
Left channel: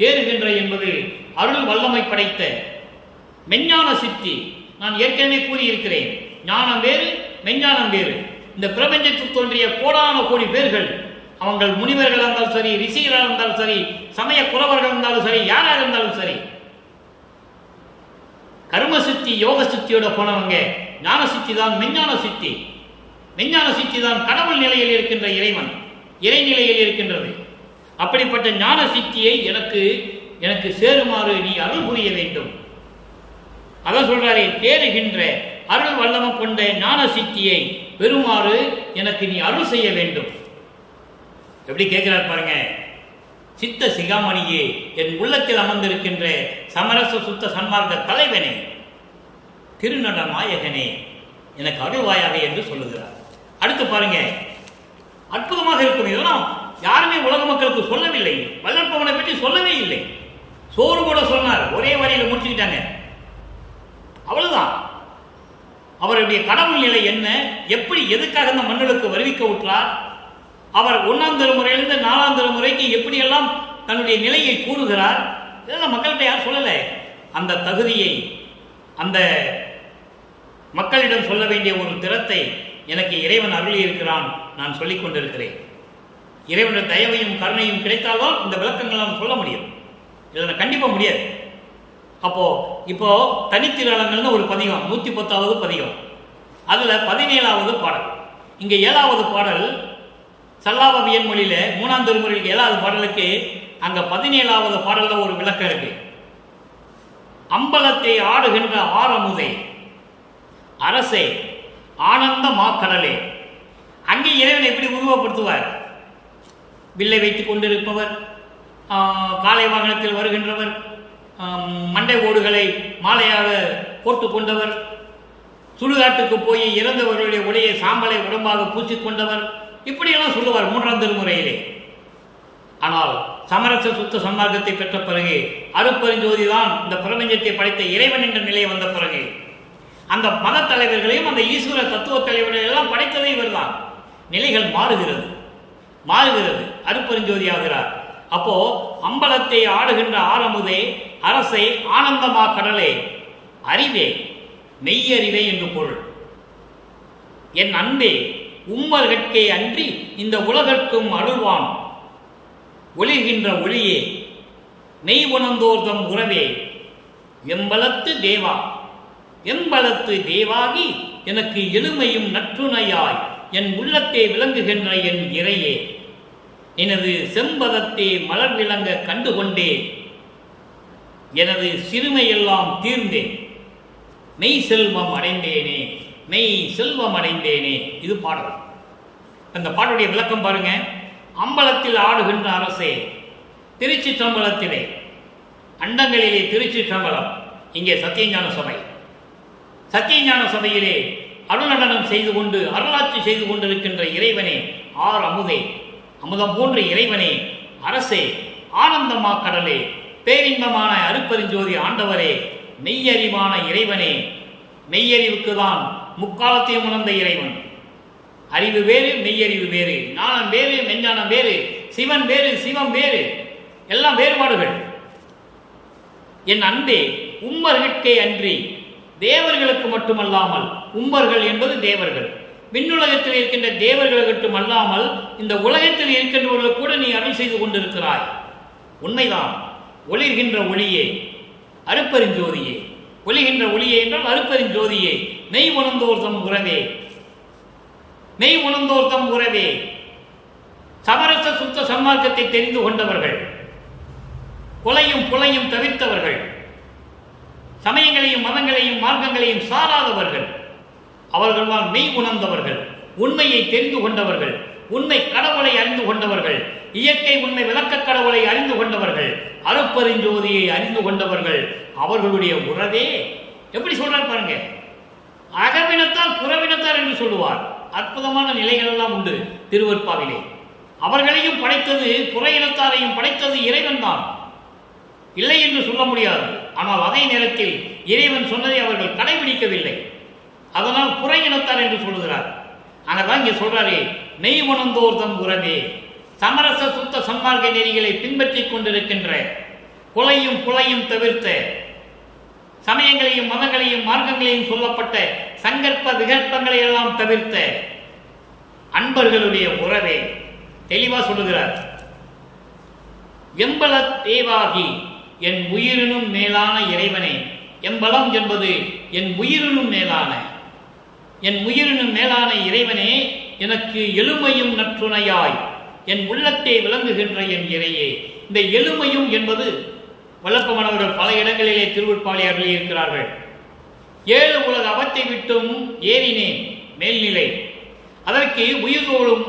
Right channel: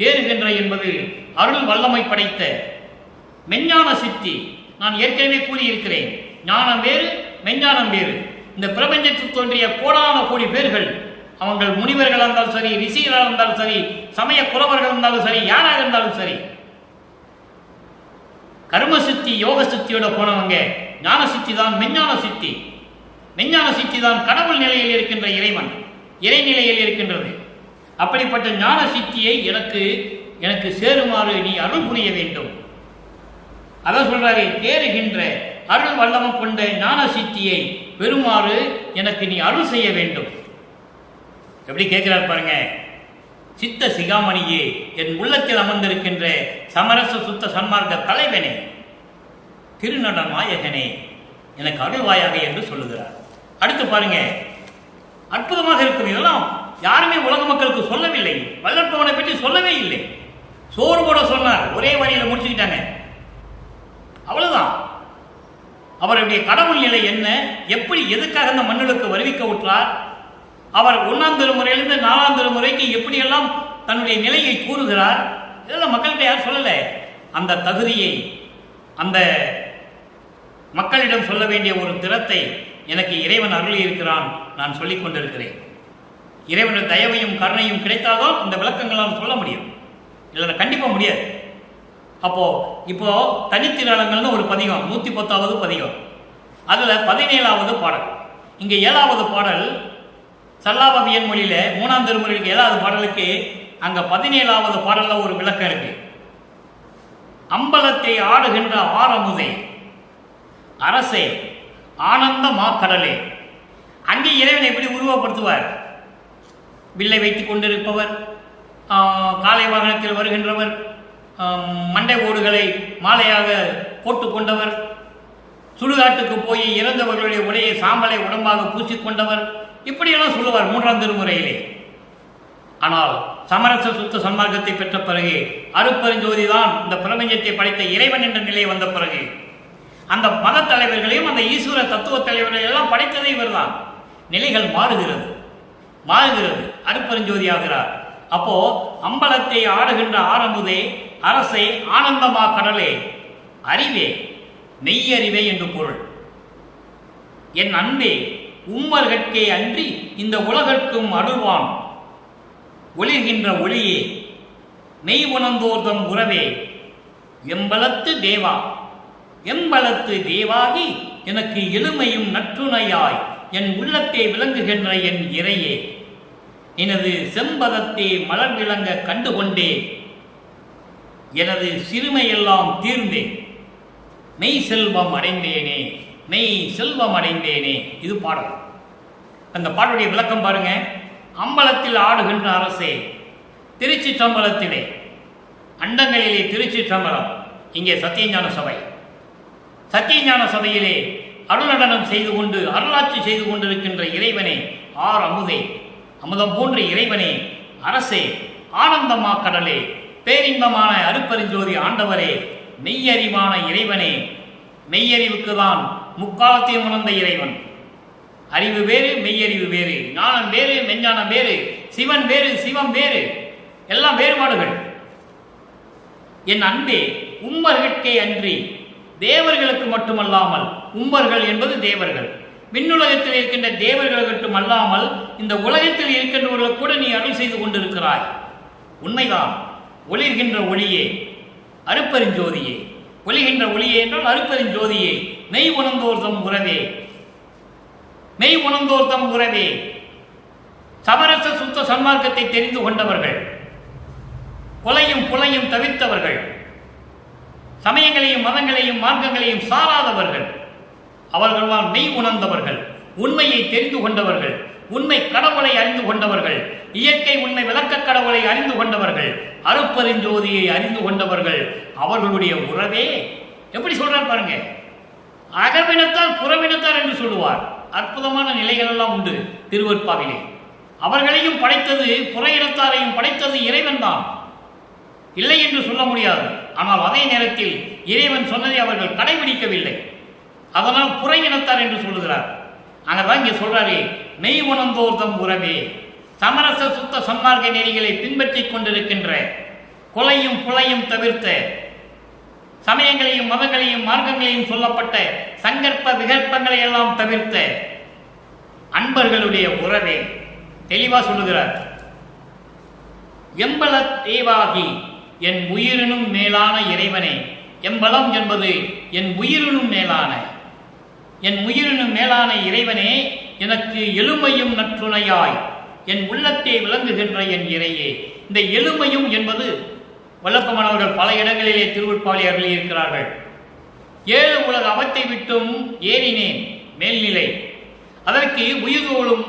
தேறுகின்ற என்பது அருள் வல்லமை படைத்த மெஞ்ஞான சித்தி. நான் ஏற்கனவே கூறியிருக்கிறேன், ஞானம் வேறு, மெஞ்ஞானம் வேறு. இந்த பிரபஞ்சத்தில் தோன்றிய கோடான கோடி பேர்கள், அவங்கள் முனிவர்களாக இருந்தாலும் சரி, ரிஷிகளாக இருந்தாலும் சரி, சமய குறவர்கள் இருந்தாலும் சரி, யாராக இருந்தாலும் சரி, கர்ம சித்தி யோக சித்தியோட போனவங்க ஞான சித்தி தான் மெஞ்ஞான சித்தி. மெஞ்ஞான சித்தி தான் கடவுள் நிலையில் இருக்கின்ற இறைவன், இறைநிலையில் இருக்கின்றது. அப்படிப்பட்ட ஞான சித்தியை எனக்கு சேருமாறு நீ அருள் புரிய வேண்டும். அதான் சொல்றாரே, தேறுகின்ற அருள் வல்லமம் கொண்ட ஞான சித்தியை பெறுமாறு எனக்கு நீ அருள் செய்ய வேண்டும். எப்படி கேட்கிறார் பாருங்க. சித்த சிகாமணியே, என் உள்ளத்தில் அமர்ந்திருக்கின்ற சமரச சுத்த சன்மார்க்க தலைவனே, திருநட நாயகனே, எனக்கு அருள்வாயாக என்று சொல்லுகிறார். அடுத்து பாருங்க, அற்புதமாக இருக்கும். இதெல்லாம் யாருமே உலக மக்களுக்கு சொல்லவில்லை. வல்லற்பவனை பற்றி சொல்லவே இல்லை. சோறு கூட சொன்னார், ஒரே வரியில முடிச்சுக்கிட்டாங்க, அவ்வளவுதான். அவருடைய கடவுள் நிலை என்ன, எப்படி, எதுக்காக இந்த மண்ணுக்கு வருவிக்க விட்டார், அவர் 1ஆம் திருமுறையிலிருந்து 4ஆம் திருமுறைக்கு எப்படியெல்லாம் தன்னுடைய நிலையை கூறுகிறார், இதெல்லாம் மக்கள்கிட்ட யாரும் சொல்லலை. அந்த தகுதியை அந்த மக்களிடம் சொல்ல வேண்டிய ஒரு திறத்தை எனக்கு இறைவன் அருளி இருக்கிறான். நான் சொல்லிக் கொண்டிருக்கிறேன். இறைவனுடைய தயவையும் கருணையும் கிடைத்தால்தான் இந்த விளக்கங்களால் சொல்ல முடியும், இல்லைன்னா கண்டிப்பாக முடியாது. இப்போ தனித்திரளங்கள்னு ஒரு பதிகம், 110வது பதிகம், அதில் 17வது பாடல். இங்கே 7வது பாடல் சல்லாபவியன் மொழியில 3ஆம் திருமுறைக்கு 7வது பாடலுக்கு அங்க 17வது பாடல்ல ஒரு விளக்கம் இருக்கு. அம்பலத்தை ஆடுகின்ற ஆரமுதே, அரசே, ஆனந்த மாக்கடலே. அங்கே இறைவனை எப்படி உருவப்படுத்துவார்? வில்லை வைத்துக் கொண்டிருப்பவர், காலை வாகனத்தில் வருகின்றவர், மண்டை ஓடுகளை மாலையாக போட்டு கொண்டவர், சுடுகாட்டுக்கு போய் இறந்தவர்களுடைய உடைய சாம்பலை உடம்பாக பூசிக்கொண்டவர், இப்படியெல்லாம் சொல்லுவார் 3ஆம் திருமுறையிலே. ஆனால் சமரச சுத்த சன்மார்க்கத்தை பெற்ற பிறகு, அருட்பெருஞ்சோதி தான் இந்த பிரபஞ்சத்தை படைத்த இறைவன் என்ற நிலையை வந்த பிறகு, அந்த மத தலைவர்களையும் அந்த ஈஸ்வர தத்துவ தலைவர்களையும் எல்லாம் படைத்ததே இவர்தான். நிலைகள் மாறுகிறது, அருட்பெருஞ்சோதி ஆகிறார். அப்போ அம்பலத்தை ஆடுகின்ற ஆரமுதே, அரசே, ஆனந்தமா கடலே, அறிவே, மெய்யறிவே என்று பொருள். என் அன்பே, உம்மர்கட்கே அன்றி இந்த உலகற்கும் அருள்வான், ஒளிர்கின்ற ஒளியே, மெய் உணர்ந்தோர்தம் உறவே எம்பலத்து தேவா, எம்பலத்து தேவாகி எனக்கு எளிமையும் நற்றுணையாய் என் உள்ளத்தே விளங்குகின்ற என் இறையே, எனது செம்பதத்தே மலர் விளங்க கண்டுகொண்டேன், எனது சிறுமையெல்லாம் தீர்ந்தேன், மெய் செல்வம் அடைந்தேனே, மெய் செல்வம் அடைந்தேனே. இது பாடல். அந்த பாடலுடைய விளக்கம் பாருங்க. அம்பலத்தில் ஆடுகின்ற அரசே, திருச்சி சம்பளத்திலே, அண்டங்களிலே திருச்சி சம்பளம், இங்கே சத்தியஞான சபை. சத்தியஞான சபையிலே அருள் நடனம் செய்து கொண்டு அருளாட்சி செய்து கொண்டிருக்கின்ற இறைவனே, ஆர் அமுதே, அமுதம் போன்ற இறைவனே, அரசே, ஆனந்தமா கடலே, பேரின்பமான அருப்பெருஞ்சோதி ஆண்டவரே, மெய்யறிவான இறைவனே, மெய்யறிவுக்கு தான் முக்காலத்தையும் உணர்ந்த இறைவன். அறிவு வேறு, மெய்யறிவு வேறு, ஞானம் வேறு, மெஞ்ஞானம் வேறு, சிவன் வேறு, சிவம் வேறு, எல்லாம் வேறுபாடுகள். என் அன்பே, உம்மர்கட்கே அன்றி தேவர்களுக்கு மட்டுமல்லாமல், உம்பர்கள் என்பது தேவர்கள், விண்ணுலகத்தில் இருக்கின்ற தேவர்கள் மட்டுமல்லாமல் இந்த உலகத்தில் இருக்கின்றவர்களுக்கு கூட நீ அருள் செய்து கொண்டிருக்கிறாய். உண்மைதான். ஒளிர்கின்ற ஒளியே, அருப்பெருஞ்சோதியே, ஒளிகின்ற ஒளியே என்றால் அருப்பெருஞ்சோதியே, மெய் உணர்ந்தோர்தம் உறவே, மெய் உணர்ந்தோர்தம் உறவே, சமரச சுத்த சன்மார்க்கத்தை தெரிந்து கொண்டவர்கள், கொலையும் புலையும் தவிர்த்தவர்கள், சமயங்களையும் மதங்களையும் மார்க்கங்களையும் சாராதவர்கள், அவர்கள்தான் மெய் உணர்ந்தவர்கள், உண்மையை தெரிந்து கொண்டவர்கள், உண்மை கடவுளை அறிந்து கொண்டவர்கள், இயற்கை உண்மை விளக்க கடவுளை அறிந்து கொண்டவர்கள், அருப்பெருஞ்சோதியை அறிந்து கொண்டவர்கள். அவர்களுடைய உறவே எப்படி சொல்றார் பாருங்க. அகவினத்தார் புறவினத்தார் என்று சொல்லுவார். அற்புதமான நிலைகள் எல்லாம் உண்டு திருவற்பாவிலே. அவர்களையும் படைத்தது, புற இனத்தாரையும் படைத்தது இறைவன் தான், இல்லை என்று சொல்ல முடியாது. ஆனால் அதே நேரத்தில் இறைவன் சொன்னதை அவர்கள் கடைபிடிக்கவில்லை. அதனால் புற இனத்தார் என்று சொல்லுகிறார். அங்கதான் இங்கே சொல்றாரு, மெய் உணர்ந்தோர்தம் உறவே, சமரச சுத்த சன்மார்க்க நெறிகளை பின்பற்றி கொண்டிருக்கின்ற, கொலையும் புலையும் தவிர்த்த, சமயங்களையும் மதங்களையும் மார்க்கங்களையும் சொல்லப்பட்ட சங்கற்ப விகற்பங்களை எல்லாம் தவிர்த்த அன்பர்களுடைய உறவே. தெளிவா சொல்லுகிறார். எம்பல தேவாகி என் உயிரினும் மேலான இறைவனே, எம்பலம் என்பது என் உயிரினும் மேலான, என் உயிரினும் மேலான இறைவனே, எனக்கு எளிமையும் நற்றுணையாய் என் உள்ளத்தே விளங்குகின்ற என் இறையே. இந்த எளிமையும் என்பது வல்லப்பமானவர்கள் பல இடங்களிலே திருவுட்பாளி அருளி இருக்கிறார்கள். 7 உலக அவத்தை விட்டும் ஏறினேன் மேல்நிலை, அதற்கு உயிர்தோறும்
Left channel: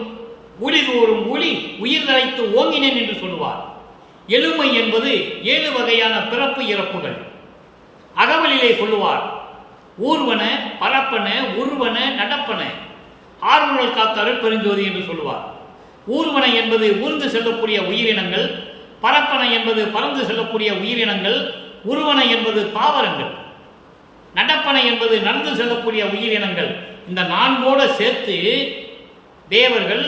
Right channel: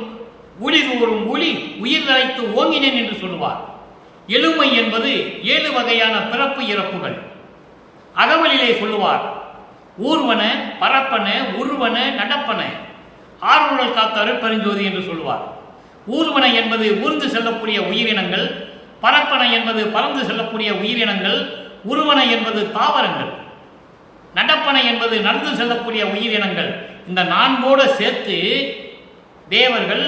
ஊழிதோறும் ஊழி உயிர் தரைத்து ஓங்கினேன் என்று சொல்லுவார். எளிமை என்பது 7 வகையான பிறப்பு இறப்புகள். அகவலிலே சொல்லுவார், ஊர்வன, பரப்பன, உருவன, நடப்பன, ஆறுழல் காத்த அருட்பெருஞ்சோதி என்று சொல்லுவார். ஊர்வன என்பது ஊர்ந்து செல்லக்கூடிய உயிரினங்கள், பரப்பன என்பது பறந்து செல்லக்கூடிய உயிரினங்கள், உருவன என்பது தாவரங்கள், நடப்பன என்பது நடந்து செல்லக்கூடிய உயிரினங்கள். இந்த 4 சேர்த்து தேவர்கள்,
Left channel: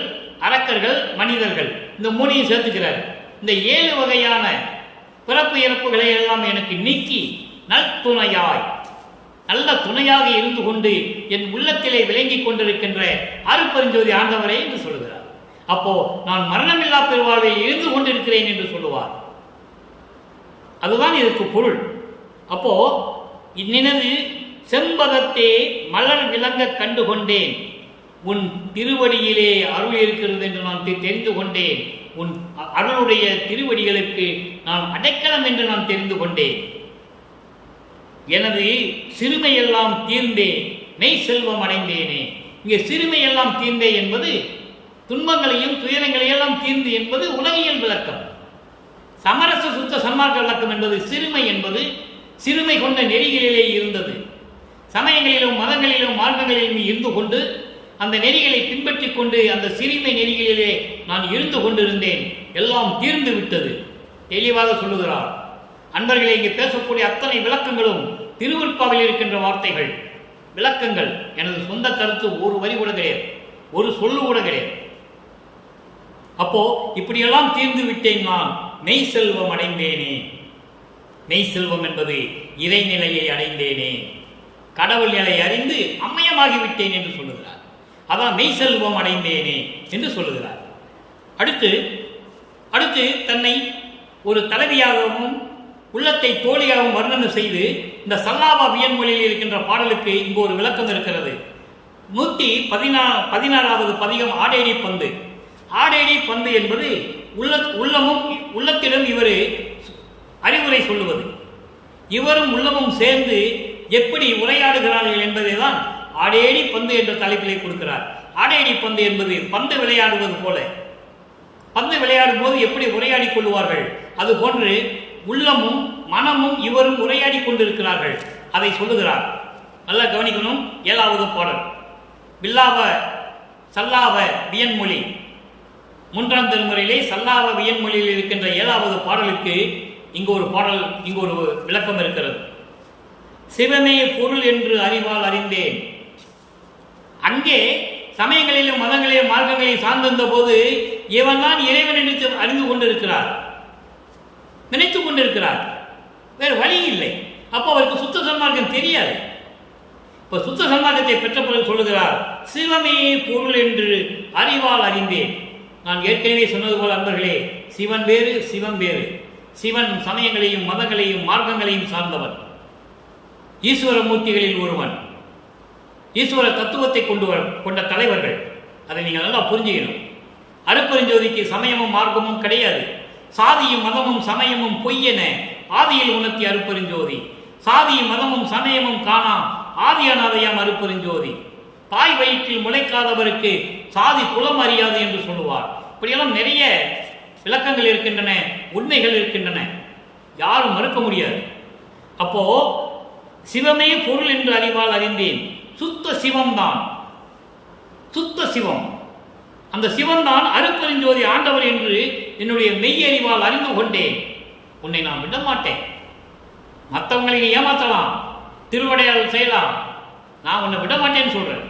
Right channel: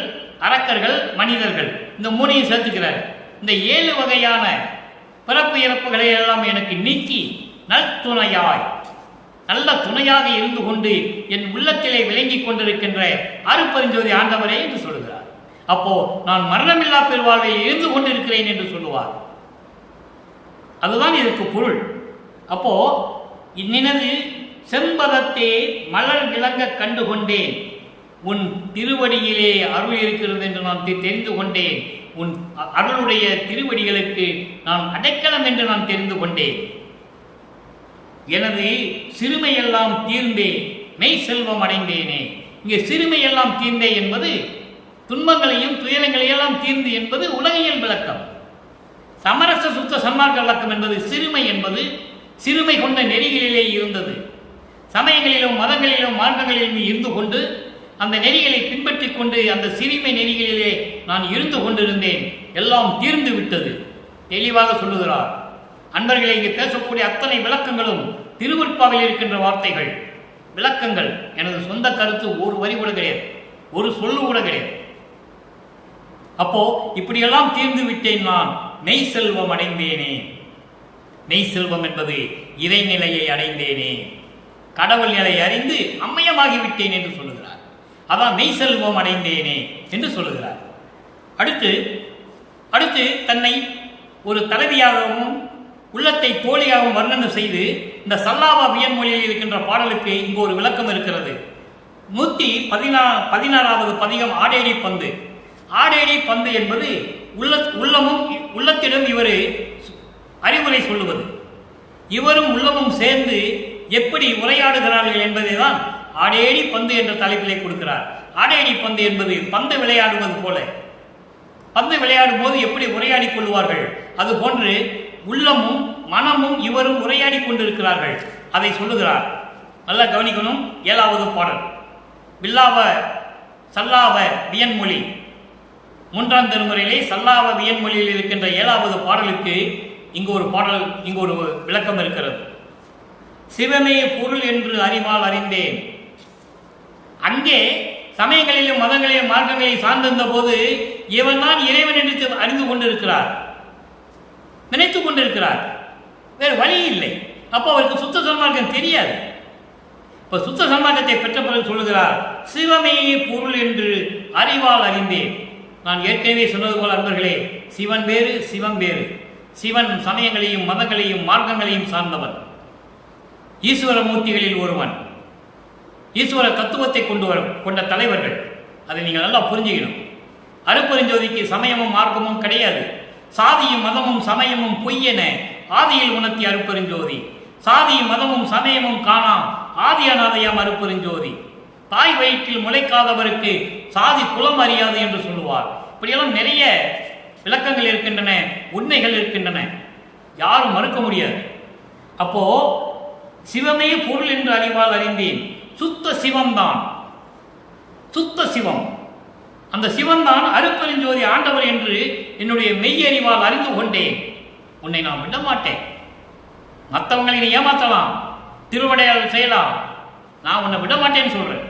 அரக்கர்கள், மனிதர்கள், இந்த 3ஐயும் சேர்த்துக்கிறார். இந்த 7 வகையான பிறப்பு இறப்புகளை எல்லாம் எனக்கு நீக்கி நல்துணையாய், நல்ல துணையாக இருந்து கொண்டு என் உள்ளத்திலே விளங்கி கொண்டிருக்கின்ற அருட்பெருஞ்சோதி ஆண்டவரே என்று சொல்லுகிறார். அப்போ நான் மரணமில்லா பெருவாழ்வில் இருந்து கொண்டிருக்கிறேன் என்று சொல்லுவார். அதுதான் இதற்கு பொருள். அப்போ நினது செம்பதத்தே மலர் விளங்க கண்டு கொண்டேன், உன் திருவடியிலே அருள் இருக்கிறது என்று நான் தெரிந்து கொண்டேன், உன் அருளுடைய திருவடிகளுக்கு நான் அடைக்கலம் என்று நான் தெரிந்து கொண்டேன், எனது சிறுமையெல்லாம் தீர்ந்தே மெய் செல்வம் அடைந்தேனே. இங்கே சிறுமையெல்லாம் தீர்ந்தே என்பது துன்பங்களையும் துயரங்களையெல்லாம் தீர்ந்து என்பது உலகியல் விளக்கம். சமரச சுத்த சன்மார்க்க விளக்கம் என்பது சிறுமை என்பது சிறுமை கொண்ட நெறிகளிலே இருந்தது. சமயங்களிலும் மதங்களிலும் மார்க்கங்களிலும் இருந்து கொண்டு அந்த நெறிகளை பின்பற்றி கொண்டு அந்த சிறுமை நெறிகளிலே நான் இருந்து கொண்டிருந்தேன், எல்லாம் தீர்ந்து விட்டது. தெளிவாக சொல்லுகிறார். அன்பர்களை இங்கு பேசக்கூடிய அத்தனை விளக்கங்களும் திருவற்பாவில் இருக்கின்ற வார்த்தைகள், விளக்கங்கள். எனது சொந்த கருத்து ஒரு வரி கூட கிடையாது, ஒரு சொல்லு கூட கிடையாது. அப்போ இப்படியெல்லாம் தீர்ந்து விட்டேன், நான் மெய் செல்வம் அடைந்தேனே. மெய் செல்வம் என்பது இறைநிலையை அடைந்தேனே, கடவுள் நிலை அறிந்து அம்மையமாகிவிட்டேன் என்று சொல்லுகிறார். அதான் மெய் செல்வம் அடைந்தேனே என்று சொல்லுகிறார். அடுத்து தன்னை ஒரு தலைவியாகவும் உள்ளத்தை தோழியாகவும் வர்ணனை செய்து இந்த சல்லாப வியன்மொழியில் இருக்கின்ற பாடலுக்கு இங்கு ஒரு விளக்கம் இருக்கிறது. 116வது பதிகம் ஆடேடி பந்து. ஆடேடி பந்து என்பது உள்ளமும் உள்ளத்திடம் இவர் அறிவுரை சொல்லுவது. இவரும் உள்ளமும் சேர்ந்து எப்படி உரையாடுகிறார்கள் என்பதை தான் ஆடேடி பந்து என்ற தலைப்பிலே கொடுக்கிறார். ஆடேடி பந்து என்பது பந்து விளையாடுவது போல, பந்து விளையாடும் போது எப்படி உரையாடி கொள்வார்கள் அதுபோன்று உள்ளமும் மனமும் இவரும் உரையாடி கொண்டிருக்கிறார்கள், அதை சொல்லுகிறார். நல்லா கவனிக்கணும். 7வது பாடல் வில்லாவ சல்லாவ வியன்மொழி 3ஆம் திருமுறையிலே சல்லாவ வியன்மொழியில் இருக்கின்ற 7வது பாடலுக்கு இங்கு ஒரு விளக்கம் இருக்கிறது. சிவமே பொருள் என்று அறிவால் அறிந்தேன். அங்கே சமயங்களிலும் மதங்களிலும் மார்க்கங்களையும் சார்ந்திருந்த போது இவன் தான் இறைவன் என்று அறிந்து கொண்டிருக்கிறார், நினைத்துக் கொண்டிருக்கிறார். வேறு வழி இல்லை. அப்போ அவருக்கு சுத்த சன்மார்க்கம் தெரியாது. இப்ப சுத்த சன்மார்க்கத்தை பெற்ற பிறகு சொல்லுகிறார், சிவமே பொருள் என்று அறிவால் அறிந்தேன். நான் ஏற்கனவே சொன்னது போல அன்பர்களே, சிவன் வேறு சிவம் வேறு. சிவன் சமயங்களையும் மதங்களையும் மார்க்கங்களையும் சார்ந்தவன், ஈஸ்வர மூர்த்திகளில் ஒருவன், ஈஸ்வர தத்துவத்தை கொண்ட தலைவர்கள். அதை நீங்கள் நல்லா புரிஞ்சுக்கணும். அருப்பெருஞ்சோதிக்கு சமயமும் மார்க்கமும் கிடையாது. சாதியும் மதமும் சமயமும் பொய்யென ஆதியில் உணர்த்தி அருப்பெருஞ்சோதி. சாதியும் மதமும் சமயமும் காணா ஆதி அநாதையாம் அருப்பெருஞ்சோதி. தாய் வயிற்றில் முளைக்காதவருக்கு சாதி குலம் அறியாது என்று சொல்லுவார். இப்படியெல்லாம் நிறைய விளக்கங்கள் இருக்கின்றன, உண்மைகள் இருக்கின்றன, யாரும் மறுக்க முடியாது. அப்போ சிவமே பொருள் என்று அறிவால் அறிந்தேன். சுத்த சிவம்தான், சுத்த சிவம். அந்த சிவன்தான் அருப்பெருஞ்சோதி ஆண்டவர் என்று என்னுடைய மெய்யறிவால் அறிந்து கொண்டேன். உன்னை நான் விட மாட்டேன். மற்றவங்களை நீ ஏமாற்றலாம், திருவடையால் செய்யலாம், நான் உன்னை விட மாட்டேன்னு சொல்றேன்.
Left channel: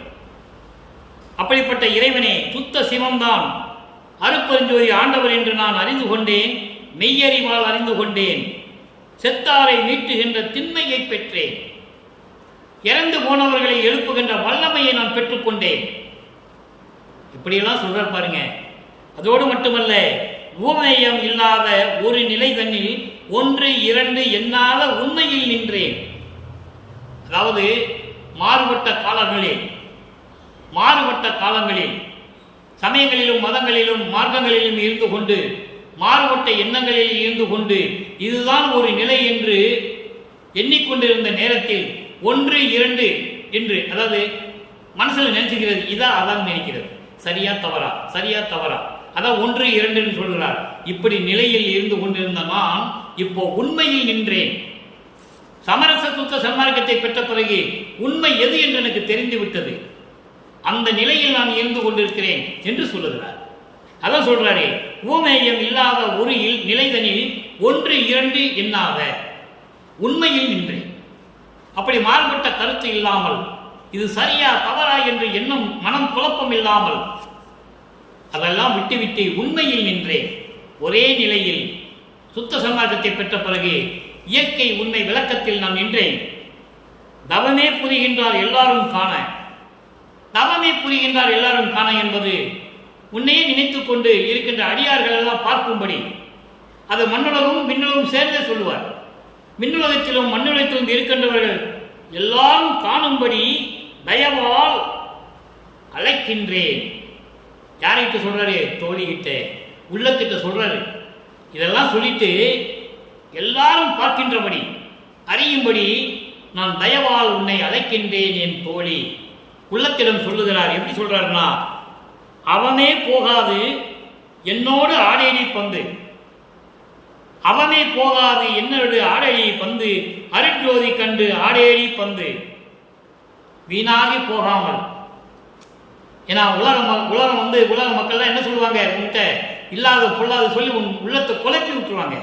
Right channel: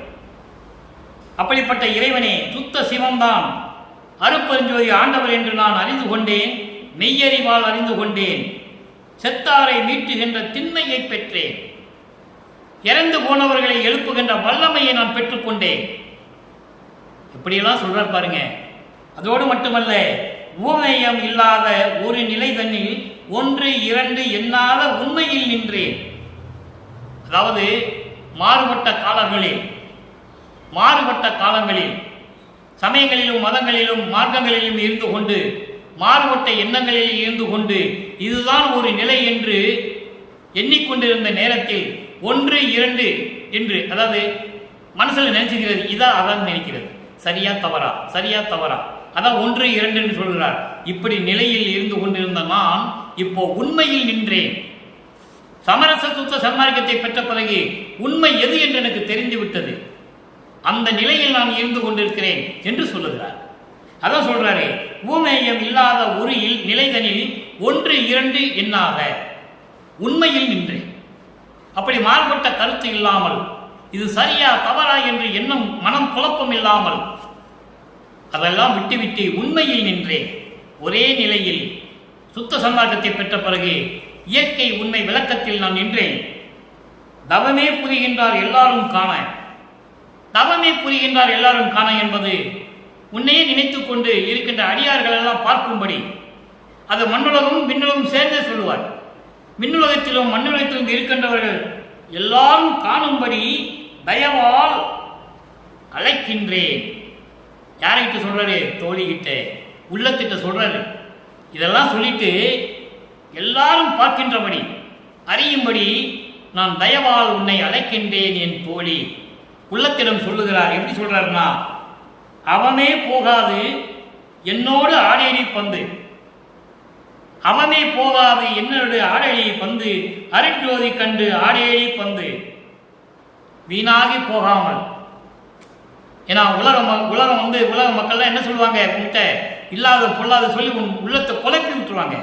அப்படிப்பட்ட இறைவனே சுத்த சிவம்தான் அருப்பெருஞ்சோதி ஆண்டவர் என்று நான் அறிந்து கொண்டேன், மெய்யறிவால் அறிந்து கொண்டேன். செத்தாரை மீட்டுகின்ற திண்மையை பெற்றேன். இறந்து போனவர்களை எழுப்புகின்ற வல்லமையை நான் பெற்றுக்கொண்டேன். இப்படியெல்லாம் சொல்றார் பாருங்க. அதோடு மட்டுமல்ல, ஊமேயம் இல்லாத ஒரு நிலை தன்னில் 1 2 எண்ணாத உண்மையில் நின்றேன். அதாவது மாறுபட்ட காலங்களில் சமயங்களிலும் மதங்களிலும் மார்க்கங்களிலும் இருந்து கொண்டு, மாறுபட்ட எண்ணங்களில் இருந்து கொண்டு இதுதான் ஒரு நிலை என்று எண்ணிக்கொண்டிருந்த நேரத்தில் 1 2 என்று, அதாவது மனசில் நினைச்சுக்கிறது, இதான் அதான் நினைக்கிறது, சரியா தவறா, அதான் 1 2 என்று சொல்கிறார். இப்படி நிலையில் இருந்து கொண்டிருந்த நான் இப்போ உண்மையில் நின்றேன். சமரச சுத்த சன்மார்க்கத்தை பெற்ற பிறகு உண்மை எது என்று எனக்கு தெரிந்து விட்டது. அந்த நிலையில் நான் இருந்து கொண்டிருக்கிறேன் என்று சொல்லுகிறார். அதான் சொல்றாரு, ஊமேயம் இல்லாத ஒரு நிலைதனில் 1 2 எண்ணாக உண்மையில் நின்றேன். அப்படி மாறுபட்ட கருத்து இல்லாமல், இது சரியா தவறா என்று எண்ணம் மனம் குழப்பம் இல்லாமல் அதெல்லாம் விட்டுவிட்டு உண்மையில் நின்றேன். ஒரே நிலையில் சுத்த சன்மார்க்கத்தை பெற்ற பிறகு இயற்கை உண்மை விளக்கத்தில் நான் நின்றேன். தவமே புரிகின்றார் எல்லாரும் காண, தவமே புரிகின்றார் எல்லாரும் காண என்பது உன்னையே நினைத்துக் கொண்டு இருக்கின்ற அடியார்கள் எல்லாம் பார்க்கும்படி, அது மண்ணுலகும் விண்ணுலகும் சேர்ந்தே சொல்லுவார். விண்ணுலகத்திலும் மண்ணுலகத்திலும் இருக்கின்றவர்கள் எல்லாரும் காணும்படி தயவால் அழைக்கின்றேன். யார்கிட்ட சொல்றாரு? தோழிகிட்ட, உள்ளத்திட்ட சொல்றாரு. இதெல்லாம் சொல்லிட்டு எல்லாரும் பார்க்கின்றபடி அறியும்படி நான் தயவால் உன்னை அழைக்கின்றேன் என் தோழி. உள்ளத்திடம் சொல்லுகிறார். எப்படி சொல்றாருன்னா, அவமே போகாது என்னோடு ஆடேடி பந்து, அவமே போகாது என்னோடு ஆடேடி பந்து, அருட்ஜோதி கண்டு ஆடேடி பந்து, வீணாகி போகாமல். ஏன்னா உலக மக்கள்லாம் என்ன சொல்லுவாங்க, உங்ககிட்ட இல்லாத பொல்லாத சொல்லி உன் உள்ளத்தை குழப்பி விட்டுருவாங்க.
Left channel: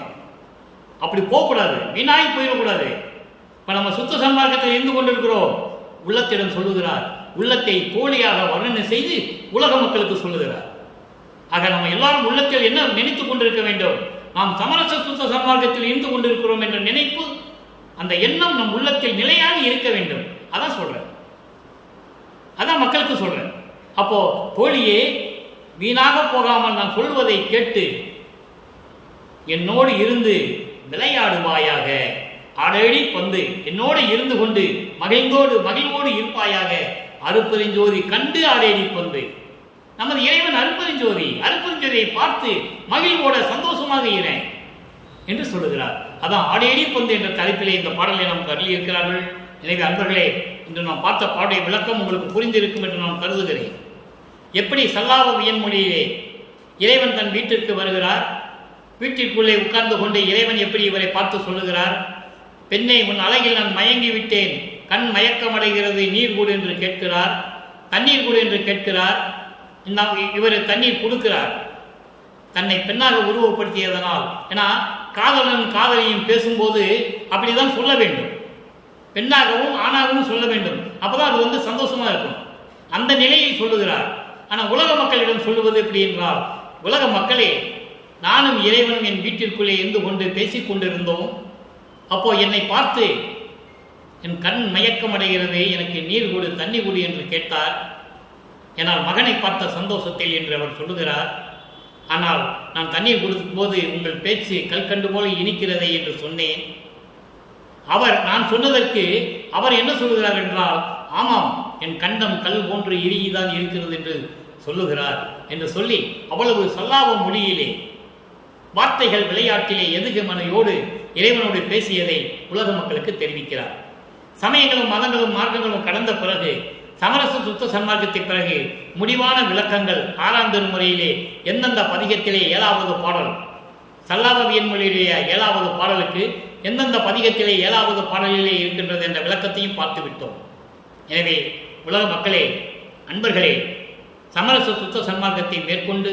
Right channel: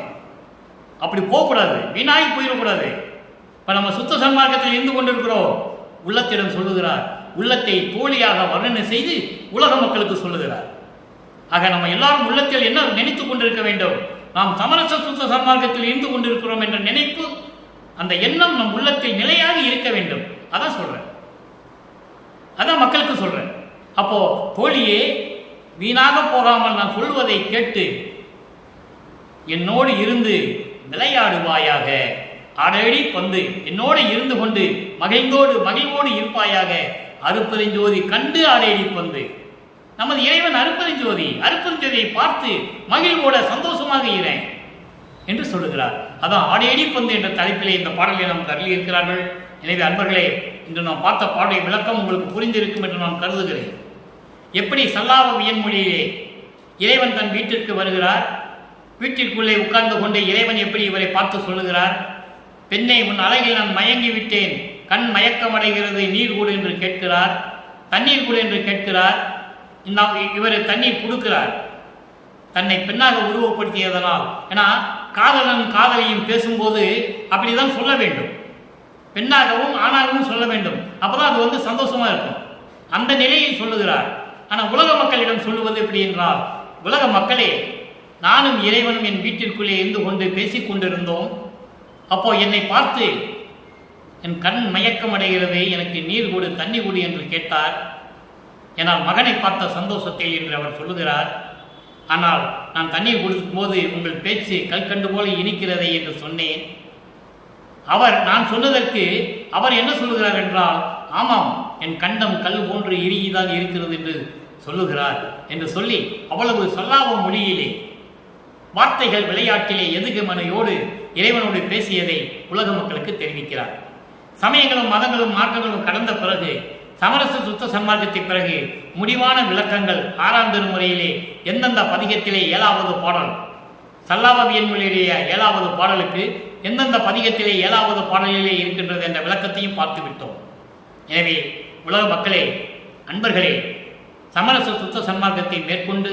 அப்படி போகக்கூடாது, வீணாகி போயிடக்கூடாது. இப்போ நம்ம சுத்த சன்மார்க்கத்தில் இருந்து கொண்டிருக்கிறோம். உள்ளத்திடம் சொல்லுகிறார், உள்ளத்தை தோழியாக வர்ணனை செய்து உலக மக்களுக்கு சொல்லுகிறார். ஆக நம்ம எல்லாரும் உள்ளத்தில் என்ன நினைத்துக் கொண்டிருக்க வேண்டும்? நாம் சமரச சுத்த சன்மார்க்கத்தில் இருந்து கொண்டிருக்கிறோம் என்ற நினைப்பு, அந்த எண்ணம் நம் உள்ளத்தில் நிலையாக இருக்க வேண்டும். அதான் சொல்றேன், அதான் மக்களுக்கு சொல்றேன். அப்போ தோழியே, வீணாக போகாமல் நான் சொல்வதை கேட்டு என்னோடு இருந்து விளையாடுவாயாக. ஆடேடி பந்து என்னோடு இருந்து கொண்டு மகிழ்வோடு இருப்பாயாக. அருட்பெருஞ்சோதி கண்டு ஆடேடி பந்து. நமது இறைவன் அருட்பெருஞ்சோதியை பார்த்து மகிழ்வோட சந்தோஷமாக இருக்கிறேன் என்று சொல்லுகிறார். அதான் ஆடேடி பந்து என்ற தலைப்பிலே இந்த பாடலை நமக்கு அருளி இருக்கிறார்கள். எனவே அன்பர்களே, இன்று நாம் பார்த்த பாடலை விளக்கம் உங்களுக்கு புரிந்திருக்கும் என்று நான் கருதுகிறேன். எப்படி சல்லாப வியன்மொழியிலே இறைவன் தன் வீட்டிற்கு வருகிறார், வீட்டிற்குள்ளே உட்கார்ந்து கொண்டு இறைவன் எப்படி இவரை பார்த்து சொல்லுகிறார், பெண்ணை உன் அழகில் நான் மயங்கி விட்டேன், கண் மயக்கமடைகிறது, நீர் கொடு என்று கேட்கிறார், தண்ணீர் கொடு என்று கேட்கிறார். இவர் தண்ணீர் கொடுக்கிறார், தன்னை பெண்ணாக உருவப்படுத்தியதனால். ஏன்னா காதலனும் காதலியும் பேசும்போது அப்படிதான் சொல்ல வேண்டும், பெண்ணாகவும் ஆணாகவும் சொல்ல வேண்டும். அப்பதான் அது சந்தோஷமா இருக்கும். அந்த நிலையில் சொல்லுகிறார். ஆனால் உலக மக்களிடம் சொல்லுவது எப்படி என்றால், உலக மக்களே, நானும் இறைவனும் என் வீட்டிற்குள்ளே இருந்து கொண்டு பேசிக் கொண்டிருந்தோம். அப்போ என்னை பார்த்து என் கண் மயக்கம் அடைகிறது, எனக்கு நீர் கொடு, தண்ணி கொடு என்று கேட்டார். ஏனால் மகனை பார்த்த சந்தோஷத்தில் என்று அவர் சொல்லுகிறார். ஆனால் நான் தண்ணீர் கொடுக்கும் போது உங்கள் பேச்சு கல்கண்டு போல இனிக்கிறதை என்று சொன்னேன். நான் சொன்னதற்கு அவர் என்ன சொல்லுகிறார் என்றால், ஆமாம், என் கண்டம் கல் போன்று இறுகிதான் இருக்கிறது என்று சொல்லுகிறார் என்று சொல்லி அவ்வளவு சொல்லாத மொழியிலே வார்த்தைகள் விளையாட்டிலே எதுகமனையோடு இறைவனோடு பேசியதை உலக மக்களுக்கு தெரிவிக்கிறார். சமயங்களும் மதங்களும் மார்க்கங்களும் கடந்த பிறகு, சமரச சுத்த சன்மார்க்கத்தை பிறகு முடிவான விளக்கங்கள் 6ஆம் திருமுறையிலே எந்தெந்த பதிகத்திலே 7வது பாடல், சல்லாபவியன் மொழியிலேய 7வது பாடலுக்கு எந்தெந்த பதிகத்திலே 7வது பாடலிலே இருக்கின்றது என்ற விளக்கத்தையும் பார்த்து விட்டோம். எனவே உலக மக்களே, அன்பர்களே, சமரச சுத்த சன்மார்க்கத்தை மேற்கொண்டு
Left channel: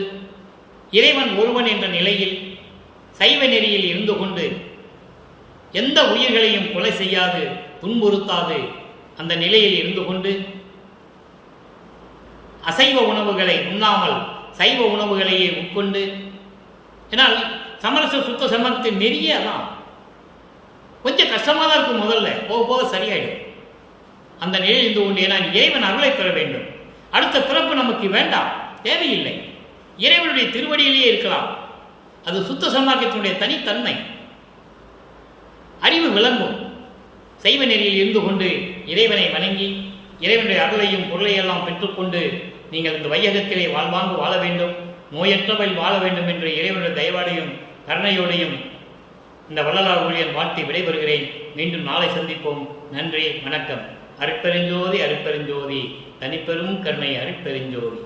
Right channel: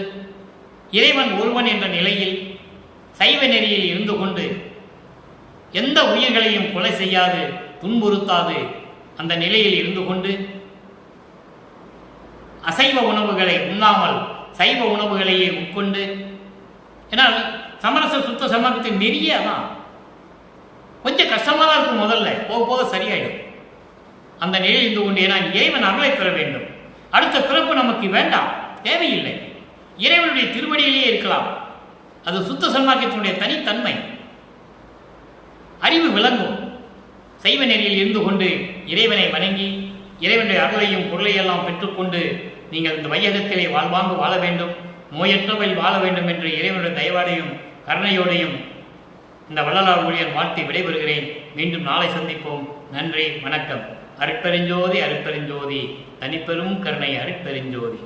இறைவன் ஒருவன் என்ற நிலையில் சைவ நெறியில் இருந்து கொண்டு எந்த உயிர்களையும் கொலை செய்யாது துன்புறுத்தாது அந்த நிலையில் இருந்து கொண்டு அசைவ உணவுகளை உண்ணாமல் சைவ உணவுகளையே உட்கொண்டு, ஏன்னால் சமரச சுத்த சன்மார்க்கத்தின் நெறியே அதான். கொஞ்சம் கஷ்டமாக தான் இருக்கும், முதல்ல போக போக சரியாயிடும். அந்த நிலையில் இருந்து கொண்டே நான் இறைவன் அருளை பெற வேண்டும். அடுத்த பிறப்பு நமக்கு வேண்டாம், தேவையில்லை. இறைவனுடைய திருவடியிலேயே இருக்கலாம். அது சுத்த சன்மார்க்கத்தினுடைய தனித்தன்மை. அறிவு விளங்கும். சைவ நெறியில் இருந்து கொண்டு இறைவனை வணங்கி இறைவனுடைய அருளையும் பொருளையெல்லாம் பெற்றுக்கொண்டு நீங்கள் இந்த வையகத்திலே வாழ்வாங்கு வாழ வேண்டும், நோயற்றவள் வாழ வேண்டும் என்று இறைவனுடைய தயவாடையும் கருணையோடையும் இந்த வள்ளலார் ஊழியன் வாழ்த்தி விடைபெறுகிறேன். மீண்டும் நாளை சந்திப்போம். நன்றி, வணக்கம். அருட்பெருஞ்சோதி, அருட்பெருஞ்சோதி, தனிப்பெரும் கருணை அருட்பெருஞ்சோதி.